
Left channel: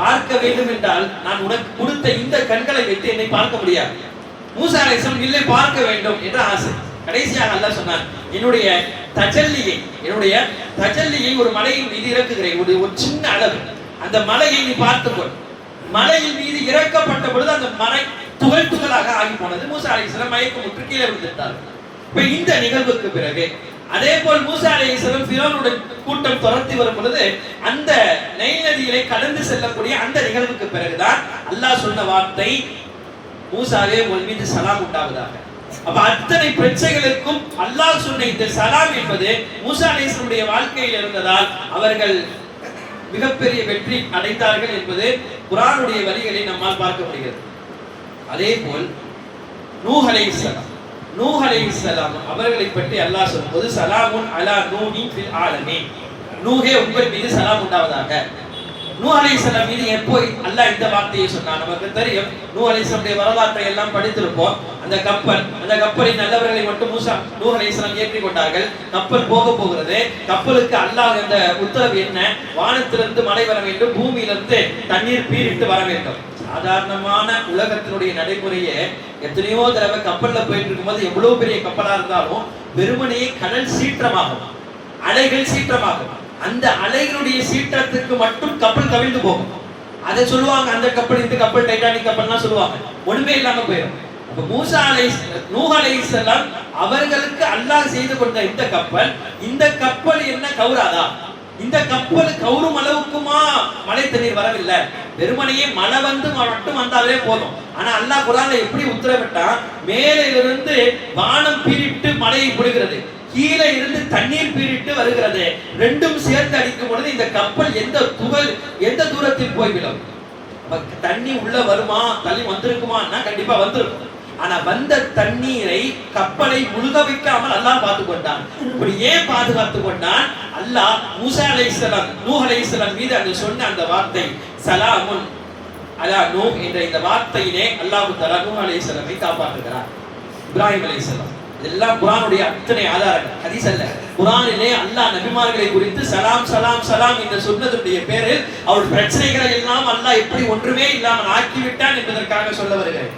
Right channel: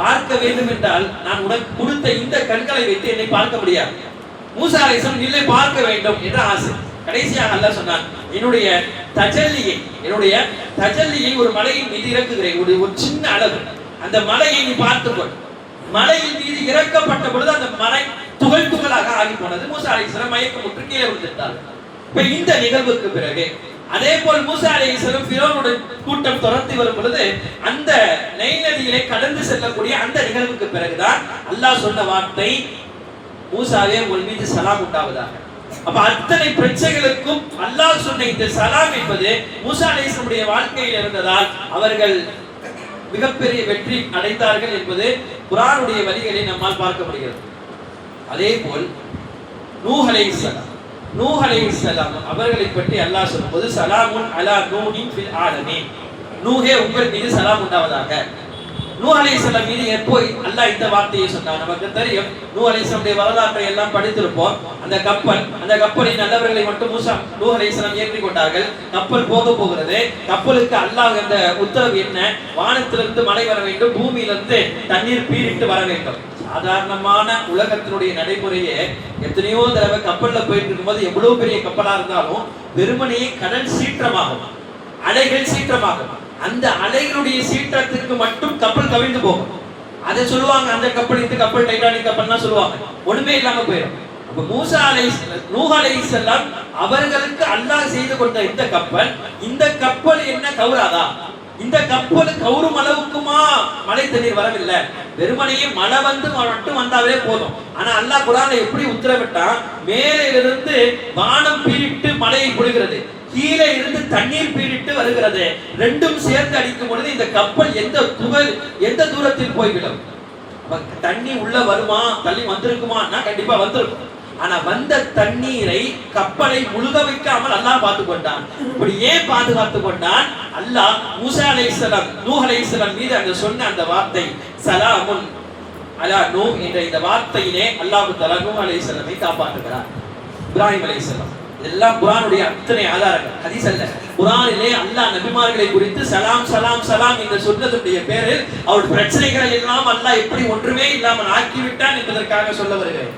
பார்க்க வேண்டும் என்றால் நான் உனக்கு கொடுத்த இந்த கண்களை வைத்து என்னை பார்க்க முடியாது. மூசா அலைஹிஸ்ஸலாம் இல்லை, பார்க்க வேண்டும் என்ற ஆசை. கடைசியாக அல்லாஹ் சொன்னான், என்னுடைய தஜல்லியை ஒரு மலையின் மீது இறக்குகிறேன், ஒரு சின்ன அளவு. அந்த மலையை நீ பார்த்துக்கொள். மலையின் மீது இறக்கப்பட்ட பொழுது அந்த மலை துகள் துகளாக ஆகி போனது. மூசா அலைஹிஸ்ஸலாம் மயக்கமுற்று கீழே விழுந்துட்டார். இப்ப இந்த நிகழ்வுக்கு பிறகு அதே போல் மூசா அலைஹிஸ்ஸலாம் ஃபிரௌனுடைய கூட்டம் துரத்தி வரும் பொழுது அந்த நைல் நதியிலே கடந்து செல்லக்கூடிய அந்த நிகழ்வுக்கு பிறகுதான் அல்லாஹ் சொன்ன வார்த்தை, மூசாவே உன் மீது சலாம் உண்டாவதாக. அப்ப அத்தனை பிரச்சனைகளுக்கும் அல்லாஹ் சொன்ன இந்த சலாம் என்பது மூசா அலைஹிஸ்ஸலாமுடைய வாழ்க்கையில் இருந்ததால் அவர்கள் மிகப்பெரிய வெற்றி அடைந்தார்கள் என்பது குர்ஆனுடைய வழிகளை நம்மால் பார்க்க முடிகிறது. அதே போல் நூஹ் அலைஹிஸ்ஸலாம் அவர்களை பற்றி அல்லாஹ் சொல்லும்போது சலாமுன் அலா நூஹின் ஃபில் ஆலமீன், நூஹே உங்கள் மீது சலாம் உண்டாவதாக. நூஹ் அலைஹிஸ்ஸலாம் மீது எப்போ அல்லாஹ் இந்த வார்த்தையை சொன்னார்? நமக்கு தெரியும், நூஹ் அலைஹிஸ்ஸலாமுடைய வரலாற்றை எல்லாம் படித்திருப்போம். அந்த கப்பலில் நல்லவர்களை மட்டும் நூஹ் அலைஹிஸ்ஸலாம் ஏற்றி கொண்டார்கள். கப்பல் போகிறது. கப்பலுக்கு அல்லாஹ் அந்த உத்தரவு என்ன? வானத்திலிருந்து மழை வர வேண்டும், பூமியிலிருந்து தண்ணீர் பீரிட்டு வர வேண்டும். சாதாரணமான உலகத்தினுடைய நடைமுறையே எத்தனையோ தடவை கப்பல்ல போயிட்டு இருக்கும்போது எவ்வளவு பெரிய கப்பலா இருந்தாலும் வெறுமனையே கடல் சீற்றமாகும், அலைகள் சீற்றமாகும். அந்த அலைகளுடைய சீற்றத்திற்கு மட்டும் கப்பல் கவிழ்ந்து போகும். அதை சொல்லுவாங்க, அந்த கப்பல் இந்த கப்பல் டைட்டானிக் கப்பல்னா சொல்லுவாங்க, ஒண்ணுமே இல்லாம போயிடும். அப்ப நூஹ் அலைஹிஸ்ஸலாம் அவர்களுக்கு அல்லாஹ் செய்து கொண்ட இந்த கப்பல் என்ன கவுராதா? இந்த கப்பல் கவுரும் அளவுக்குமா மழை தண்ணீர் வரவில்லை? வெறுமனையே மழை வந்து மட்டும் வந்தாலே போதும். ஆனா அல்லாஹ் குர்ஆன்ல எப்படி உத்தரவிட்டான்? மேலிருந்து வானம் பீரிட்டு மழையை பொழிகிறது, கீழே இருந்து தண்ணீர் பீரிட்டு வருகிறது. ரெண்டும் சேர்ந்து அடிக்கும் பொழுது இந்த கப்பல் எந்த தூரத்தில் போய்விடும்? தண்ணி உள்ள வருமா? தள்ளி வந்திருக்குமான்னா கண்டிப்பா வந்திருக்கும். ஆனா வந்த தண்ணீரை கப்பலை முழுக வைக்காமல் அல்லாஹ் பார்த்துக் கொண்டான். இப்படி ஏன் பாதுகாத்துக் கொண்டான்? அல்லாஹ் மூசா அலைஹிஸ்ஸலாம் நூஹ் அலைஹிஸ்ஸலாம் மீது அந்த சொன்ன அந்த வார்த்தை சலாமுன் அலா நூஹ் என்ற இந்த வார்த்தையிலே அல்லாஹ் தஆலா நூஹ் அலைஹிஸ்ஸலாமை காப்பாற்றுகிறார். இப்ராஹிம் அலைஹிஸ்ஸலாம், இதெல்லாம் குர்ஆனுடைய அத்தனை ஆதாரங்கள், ஹதீஸ் அல்ல. குர்ஆனிலே அல்லாஹ் நபிமார்களை குறித்து சலாம் சலாம் சலாம் என்று சொன்னதுடைய பேரில் அவர் பிரச்சனைகளை எல்லாம் அல்லாஹ் எப்படி ஒன்றுமே இல்லாமல் ஆக்கிவிட்டான் என்பதற்காக சொல்ல வருகிறேன்.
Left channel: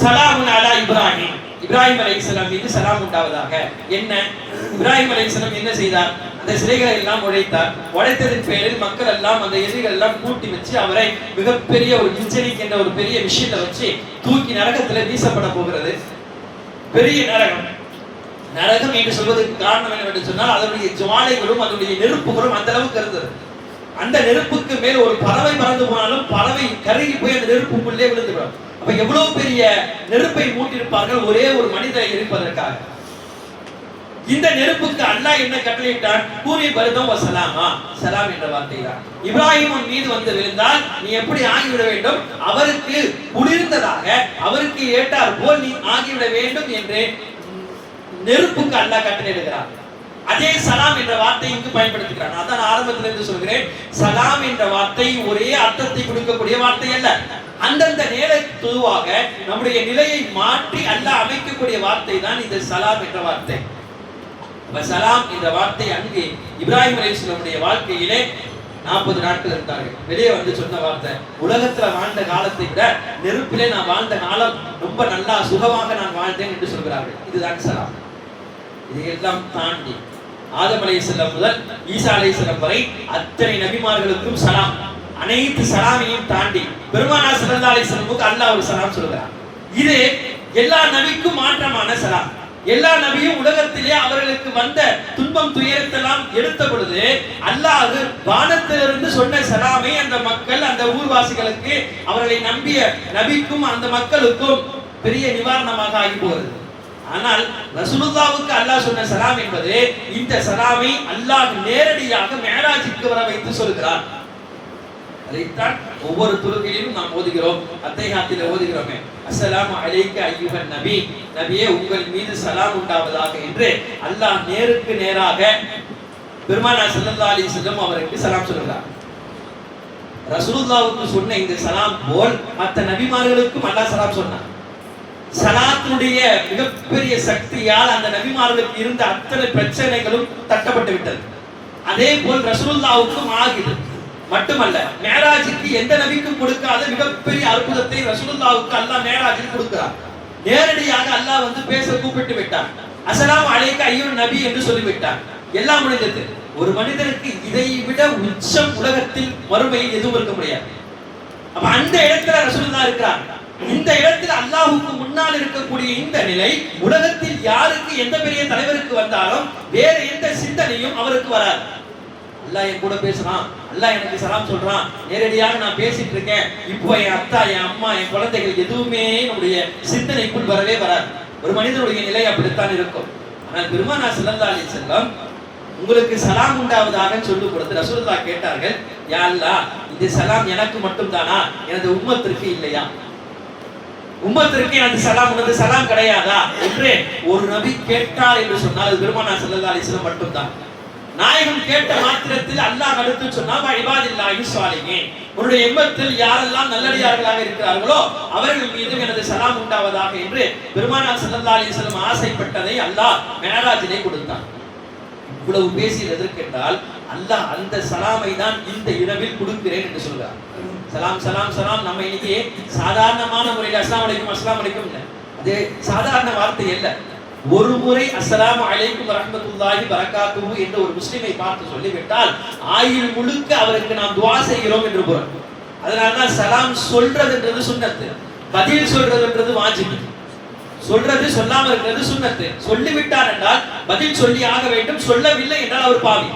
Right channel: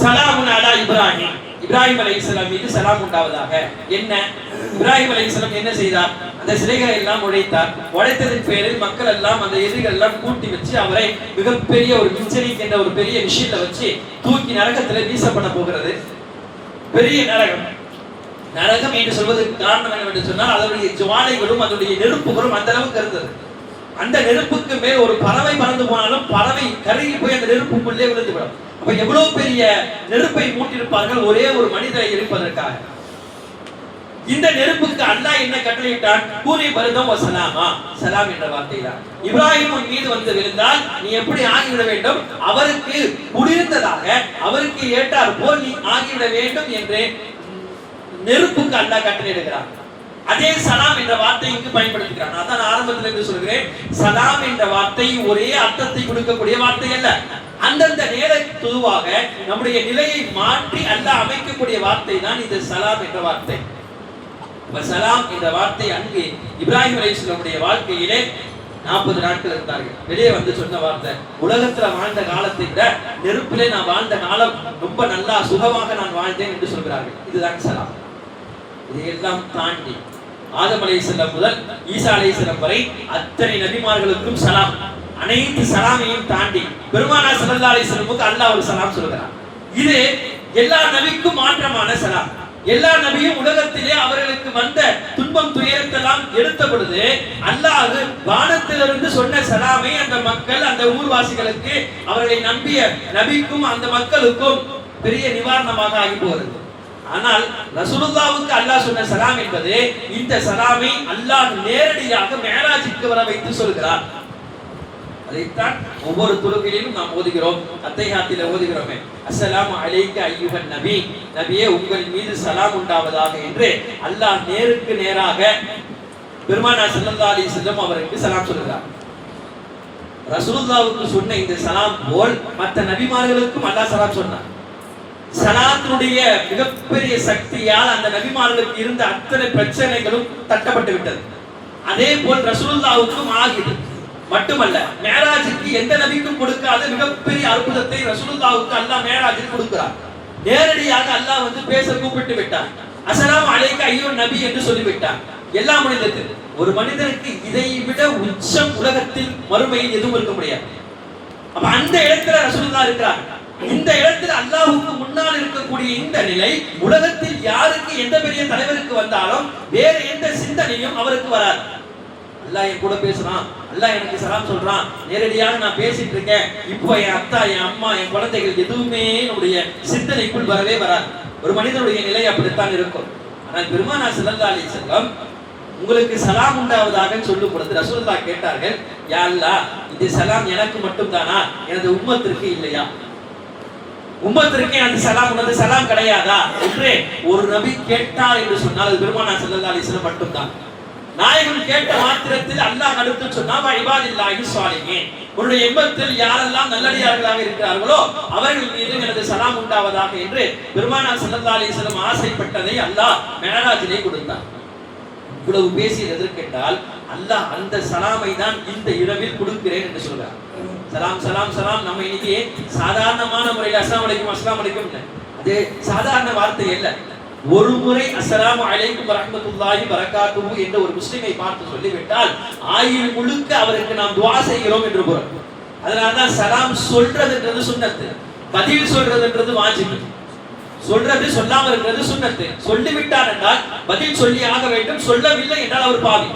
சலாமுன் அலா இப்ராஹிம், இப்ராஹிம் அலைஹிஸ்ஸலாம் மீது சலாம் உண்டாவதாக. என்ன இப்ராஹிம் அலைஹிஸ்ஸலாம் என்ன செய்தார்? அந்த சிலைகளை எல்லாம் உடைத்ததன் பேரில் மக்கள் எல்லாம் அந்த எதிரிகள் எல்லாம் கூட்டி வச்சு அவரை மிகப்பெரிய ஒரு மின்சனிக் என்ற ஒரு பெரிய விஷயத்தை வச்சு தூக்கி நரகத்திலே வீசப்பட போகிறது. பெரிய நரகம் என்று சொல்வதற்கு காரணம் என்னவென்று சொன்னால் அதனுடைய ஜுவாலைகளும் அதனுடைய நெருப்புகளும் அந்த அளவுக்கு இருந்தது. அந்த நெருப்புக்கு மேல் ஒரு பறவை பறந்து போனாலும் பறவை கருகி போய் அந்த நெருப்புக்குள்ளே விழுந்துவிடும். அப்ப எவ்வளவு பெரிய நெருப்பை மூட்டியிருப்பார்கள் ஒரே ஒரு மனிதரை எரிப்பதற்காக. இந்த நெருப்புக்கு அல்லாஹ் என்ன கட்டளையிட்டான்? கூறி பரதம் வசலாமா, சலாம் என்ற வார்த்தை தான். இப்ராஹிம் மீது வந்து விழுந்தால் நீ எப்படி ஆகிவிட வேண்டும்? அவருக்கு குளிர்ந்ததாக, அவருக்கு ஏற்றார் போல் நீ ஆகிவிட வேண்டும் என்று நெருப்புக்கு அல்லாஹ் கட்டளையிடுகிறார். அதே சலாம் என்ற வார்த்தை இங்கு பயன்படுத்துகிறார். அதான் ஆரம்பத்தில் இருந்து சொல்கிறேன், சலாம் என்ற வார்த்தை ஒரே அர்த்தத்தை கொடுக்கக்கூடிய வார்த்தை அல்ல. அந்தந்த நேரத்துவாக நம்முடைய நிலையை மாற்றி அல்லாஹ் அமைக்கக்கூடிய வார்த்தை தான் இந்த சலாம் என்ற வார்த்தை. சலாம் என்ற வார்த்தை அங்கு இப்ராஹிம் அலைஹிஸ்ஸலாமுடைய வாழ்க்கையிலே 40 நாட்கள் இருந்தார்கள். வெளியே வந்து சொன்ன வார்த்தை, உலகத்துல வாழ்ந்த காலத்தை விட நெருப்பிலே நான் வாழ்ந்த காலம் ரொம்ப நல்லா சுகமாக நான் வாழ்ந்தேன் என்று சொல்கிறார்கள். இதுதான் சலாம். இதையெல்லாம் தாண்டி ஆதம் அலைஹிஸ்ஸலாம் முதல் ஈசா அலைஹிஸ்ஸலாம் வரை அத்தனை நபிமார்களுக்கும் சலாம். அனைத்து சலாமையும் தாண்டி பெருமானார் ஸல்லல்லாஹு அலைஹி வஸல்லமுக்கு அல்லாஹ் ஒரு சலாம் சொல்கிறார். இது எல்லா நபிக்கும் மாற்றமான சலாம். எல்லா நபியும் உலகத்திலே அவர்களுக்கு வந்த துன்பம் துயரத்தெல்லாம் எடுத்த பொழுது அல்லாஹ் வானத்திலிருந்து சொன்ன சலாமை அந்த மக்கள், அந்த ஊர்வாசிகளுக்கு, அவர்களை நம்பிய நபிக்கும் அந்த மக்களுக்கும் பெரிய நிவாரணமாக ஆகி போகிறது. ஆனால் ரசூலுல்லாஹ்வுக்கு அல்லாஹ் சொன்ன சலாம் என்பது இந்த சலாமை அல்லாஹ் நேரடியாக மிஅராஜுக்கு வர வைத்து சொல்கிறார். அதைத்தான் ஒவ்வொரு தொழுகையிலும் நாம் ஓதுகிறோம். அத்தைஹியாத்திலே ஓதுகிறோமே, அஸ்ஸலாமு அலைக்க அய்யுஹன் நபி, நபியே உங்கள் மீது சலாம் உண்டாவதாக என்று அல்லாஹ் நேருக்கு நேராக பெருமானார் ஸல்லல்லாஹு அலைஹி வஸல்லம் அவருக்கு சலாம் சொல்கிறார். ரசூலுல்லாஹ்வுக்கு சொன்ன இந்த சலாம் போல் மற்ற நபிமார்களுக்கும் அல்லாஹ் சலாம் சொன்னார். சலாத்தினுடைய மிகப்பெரிய சக்தியால் அந்த நபிமார்களுக்கு இருந்த அத்தனை பிரச்சனைகளும் தட்டப்பட்டு விட்டது. அதே போல் ரசூலுல்லாஹ்வுக்கும் ஆகிது. மட்டுமல்ல, மேராஜுக்கு எந்த நபிக்கும் கொடுக்காத மிகப்பெரிய அற்புதத்தை ரசூலுல்லாஹ்வுக்கு அல்லாஹ் மேராஜில் கொடுக்கிறார். நேரடியாக அல்லாஹ் வந்து பேச கூப்பிட்டு விட்டார். அஸ்ஸலாமு அலைக்க அய்யுஹன் நபி என்று சொல்லிவிட்டார். எல்லா மனிதருக்கு, ஒரு மனிதனுக்கு இதை விட உச்சம் உலகத்தில் மறுமையில் எதுவும் இருக்க முடியாது. அப்ப அந்த இடத்துல ரசூலுல்லாஹ் இருக்கிறார். இந்த இடத்துல அல்லாஹ்வுக்கு முன்னால் இருக்கக்கூடிய இந்த நிலை உலகத்தில் யாருக்கு, எந்த பெரிய தலைவருக்கு வந்தாலும் வேற எந்த சிந்தனையும் அவருக்கு வராது. அல்லாஹ் என் கூட பேசுறான், அல்லாஹ் எனக்கு சலாம் சொல்றான், நேரடியாக நான் பேசிட்டு இருக்கேன். இப்போ என் அத்தா, என் அம்மா, என் குழந்தைகள் எதுவுமே நம்முடைய சிந்தனைக்குள் வரவே வராது. ஒரு மனிதனுடைய நிலை அப்படித்தான் இருக்கும். ஆனால் பெருமானார் ஸல்லல்லாஹு அலைஹி வஸல்லம் உங்களுக்கு சலாம் உண்டாவதாக சொல்லும் பொழுது ரசூலுல்லாஹ் கேட்டார்கள், யா அல்லாஹ், இந்த சலாம் எனக்கு மட்டும் தானா, எனது உம்மத்திற்கு இல்லையா? உம்மத்திற்கு எனது சலாம் உனது சலாம் கிடையாதா என்று ஒரு நபி கேட்டார் என்று சொன்னால் அது பெருமானார் ஸல்லல்லாஹு அலைஹி வஸல்லம் மட்டும்தான். நாயகம் கேட்ட மாத்திரத்தில் அல்லாஹ் அடுத்து சொன்னா இபாதில்லாஹி ஸாலிஹீன், உன்னுடைய எம்மத்தில் யாரெல்லாம் நல்லடியார்களாக இருக்கிறார்களோ அவர்கள் மீது எனது சலாம் உண்டாவதாக என்று பெருமானார் ஸல்லல்லாஹு அலைஹி வஸல்லம் ஆசைப்பட்டதை அல்லாஹ் மிஅராஜிலே கொடுத்தார். இவ்வளவு பேசியது எதற்கென்றால் அல்லாஹ் அந்த சலாமை தான் இந்த இரவில் கொடுக்கிறேன் என்று சொல்றார். சலாம் சலாம் சலாம் நம்ம இன்னைக்கு சாதாரணமான முறையில் அஸ்ஸலாமு அலைக்கும் அஸ்ஸலாமு அலைக்கும், அது சாதாரண வார்த்தை அல்ல. ஒரு முறை அஸ்ஸலாமு அலைக்கும் வரஹ்மத்துல்லாஹி பரக்காத்துஹு என்று ஒரு முஸ்லிமை பார்த்து சொல்லிவிட்டால் ஆயுள் முழுக்க அவருக்கு நாம் துஆ செய்கிறோம் என்று பொருள். அதனால்தான் சலாம் சொல்றதுன்றது சுன்னத்து, பதில் சொல்றதுன்றது வாஜிப். சொல்றது சொல்லாம இருக்கிறது சுன்னத்து. சொல்லிவிட்டார் என்றால் பதில் சொல்லி ஆக வேண்டும், சொல்லவில்லை என்றால் அவர் பாவி.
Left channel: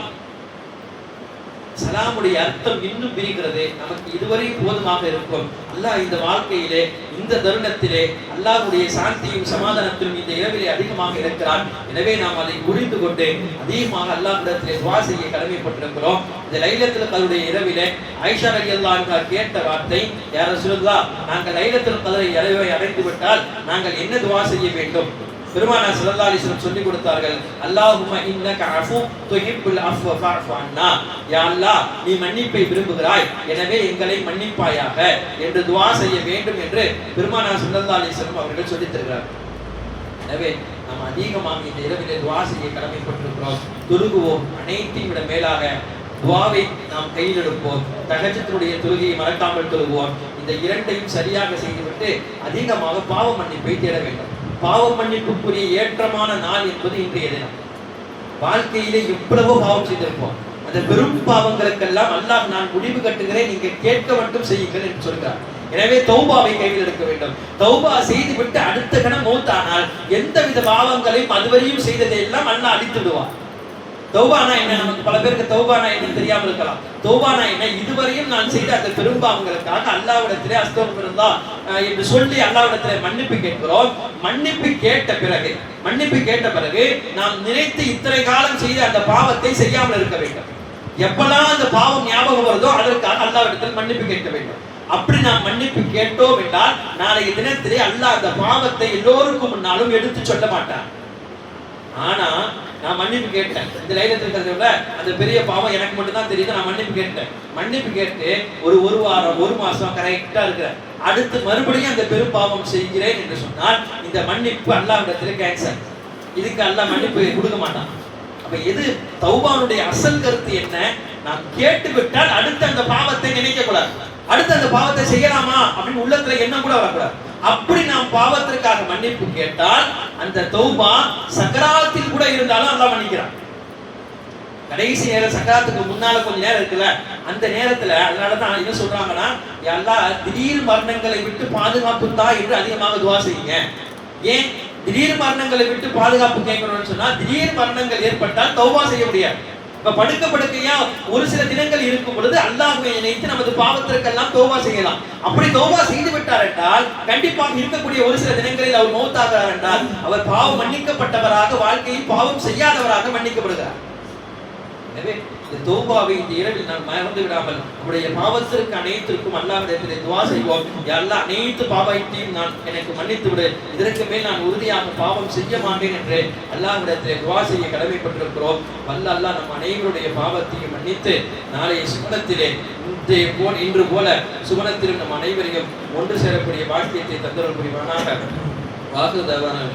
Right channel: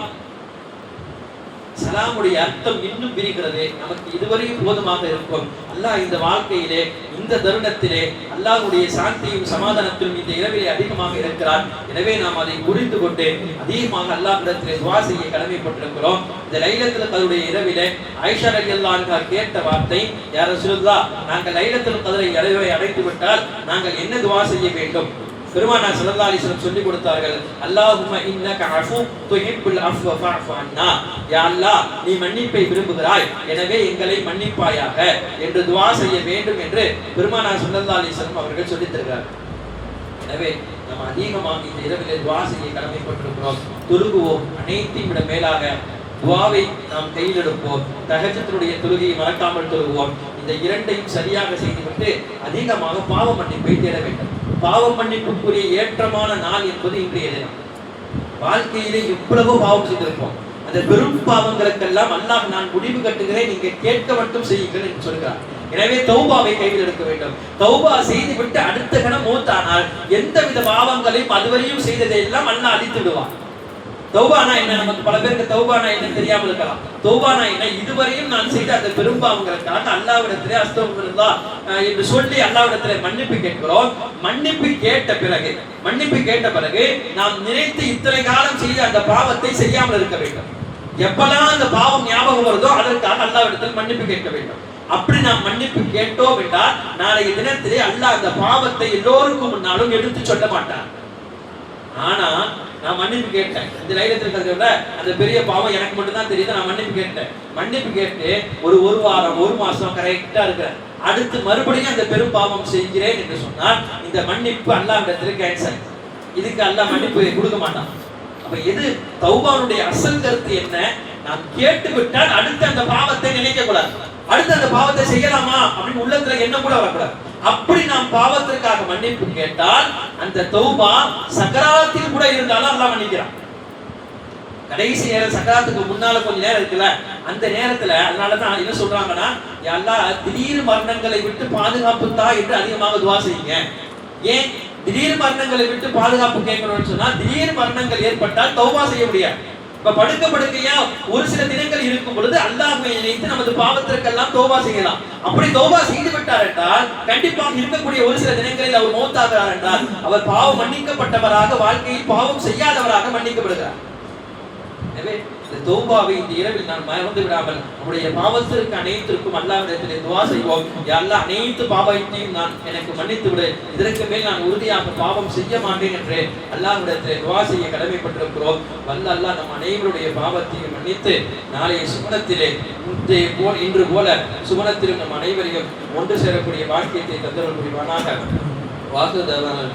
சலாமுடைய அர்த்தம் இன்னும் பிரிக்கிறது. நமக்கு இதுவரை போதுமாக இருக்கும். அல்லாஹ் இந்த வாழ்க்கையிலே, இந்த தருணத்திலே அல்லாஹ்வுடைய சாந்தியும் சமாதானத்திலும் இந்த இரவிலே அதிகமாக இருக்கிறார். எனவே நாம் அதை புரிந்து கொண்டு அதிகமாக அல்லாஹ்விடத்திலே துஆ செய்ய கடமைப்பட்டிருக்கிறோம். இந்த லைலத்துல் கத்ருடைய இரவிலே ஆயிஷா ரலியல்லாஹு அன்ஹா கேட்ட வார்த்தை, யா ரசூலுல்லாஹ், நாங்கள் லைலத்துல் கத்ரை இரவை அடைந்து விட்டால் நாங்கள் என்ன துஆ செய்ய வேண்டும்? பெருமானார் ஸல்லல்லாஹு அலைஹி வஸல்லம் சொல்லி கொடுத்தார்கள், அல்லாஹும்ம இன்னக அஃபு துஹிப்புல் அஃவ ஃபஅஃபு அன்னா, யா அல்லாஹ், நீ மன்னிப்பை விரும்புகிறாய், எனவே எங்களை மன்னிப்பாயாக என்று துஆ செய்ய வேண்டும் என்று பெருமானார் ஸல்லல்லாஹு அலைஹி வஸல்லம் அவர்கள் சொல்லித் தருகிறார். எனவே நாம் அதிகமாக இந்த இரவிலே துஆ செய்ய கடமைப்பட்டிருக்கிறோம். தொழுகுவோம். அனைத்தையும் விட மேலாக துஆவை நாம் கையில் எடுப்போம். தஹஜ்ஜுடைய தொழுகையை மறக்காமல் தொழுவோம். இந்த இரண்டையும் சரியாக செய்துவிட்டு அதிகமாக பாவ மன்னிப்பை தேட வேண்டும். பாவ மன்னிப்புக்குரிய ஏற்றமான நாள் என்பது இன்றைய தினம். வாழ்க்கையிலே எவ்வளவோ பாவம் செய்திருப்போம். அந்த பெரும் பாவங்களுக்கெல்லாம் அல்லாஹ் நான் முடிவு கட்டுகிறேன், நீங்க கேட்க மட்டும் செய்யுங்கள் என்று சொல்கிறார். எனவே தௌபாவை கையில் எடுக்க வேண்டும். தௌபா செய்து விட்டு அடுத்த கணம் மௌத்தானால் எந்தவித பாவங்களையும் அதுவரையும் செய்ததை எல்லாம் அல்லாஹ் அழித்து விடுவான். தௌபானா என்ன? நமக்கு பல பேருக்கு தௌபானா என்ன தெரியாமல் இருக்கலாம். தௌபானா என்ன? இதுவரையும் நான் செய்த அந்த பெரும்பாவங்களுக்காக அல்லாஹ்விடத்திலே அஸ்தக்ஃபிருல்லாஹ் என்று சொல்லி அல்லாஹ்விடத்திலே மன்னிப்பு கேட்கிறோம். மன்னிப்பு கேட்ட பிறகு நாம் நினைத்து இத்தனை காலம் செய்த அந்த பாவத்தை செய்யாமல் இருக்க வேண்டும். எப்பெல்லாம் அந்த பாவம் ஞாபகம் வருதோ அதற்காக அல்லாஹ்விடத்தில் மன்னிப்பு கேட்க வேண்டும். அப்படி நாம் மன்னிப்பு கேட்டோம் என்றால் நாளைய தினத்திலே அல்லாஹ் அந்த பாவத்தை எல்லோருக்கும் முன்னாலும் எடுத்து சொல்ல மாட்டான். ஆனா நான் மன்னிப்பு கேட்டேன், இந்த லைலத்துல் கத்ர்ல அந்த பெரிய பாவம் எனக்கு மட்டும் தான் தெரியுது, நான் மன்னிப்பு கேட்டு ஒரு வாரம் ஒரு மாசம் கரெக்டா இருக்கிறேன், அடுத்து மறுபடியும் அந்த பெரும் பாவம் செய்கிறேன் என்று சொன்னால் இந்த மன்னிப்பு அல்லாஹ்விடத்தில் கேன்சல். இதுக்கு அல்லாஹ் மன்னிப்பு கொடுக்க மாட்டான். அப்ப எது தௌபாவுடைய அசல் கருத்து என்ன? நாம் கேட்டு விட்டால் அடுத்து அந்த பாவத்தை நினைக்க கூடாது, அடுத்து அந்த பாவத்தை செய்யலாமா அப்படின்னு உள்ளத்துல எண்ணம் கூட வரக்கூடாது. அப்படி நாம் பாவத்திற்காக மன்னிப்பு கேட்டால் அந்த தௌபா சக்கராத்தில் கூட இருந்தாலும் அல்லாஹ் மன்னிக்கிறான். கடைசி நேரம் சக்கராத்துக்கு முன்னால கொஞ்ச நேரம் இருக்குல்ல, அந்த நேரத்துல அதனாலதான் என்ன சொல்றாங்கன்னா, யா அல்லாஹ், திடீர் மரணங்களை விட்டு பாதுகாப்பு தா என்று அதிகமாக துஆ செய்யுங்க. ஏன் திடீர் மரணங்களை விட்டு பாதுகாப்பு கேட்கணும்னு சொன்னா, திடீர் மரணங்கள் ஏற்பட்டால் தௌபா செய்ய முடியாது. இப்ப படுக்கையா ஒரு சில தினங்கள் இருக்கும் பொழுது அல்லாஹ்வை நினைத்து நமது பாவத்திற்கெல்லாம் தௌபா செய்யலாம். அப்படி தௌபா செய்து விட்டார் என்றால் கண்டிப்பாக இருக்கக்கூடிய ஒரு சில தினங்களில் அவர் மௌத்தாகிறார் என்றால் அவர் பாவம் மன்னிக்கப்பட்டவராக, வாழ்க்கையில் பாவம் செய்யாதவராக மன்னிக்கப்படுகிறார். எனவே இந்த தௌபாவை இந்த இரவில் நாம் மறந்து விடாமல் நம்முடைய பாவத்திற்கு அனைத்திற்கும் அல்லாஹ்விடத்திலே துஆ செய்வோம். யா அல்லாஹ், அனைத்து பாவத்தையும் நான் எனக்கு மன்னித்து விடு, இதற்கு மேல் நான் உறுதியாக பாவம் செய்ய மாட்டேன் என்று அல்லாஹ்விடத்திலே துஆ செய்ய கடமைப்பட்டிருக்கிறோம். வல்ல அல்லாஹ் நம் அனைவருடைய பாவத்தையும் மன்னித்து நாளைய சுமனத்திலே இன்று போல சுமனத்திலும் நம் அனைவரையும் ஒன்று சேரக்கூடிய வாக்கியத்தை தந்தருள் புரிவானாக. வாக்கு தவறான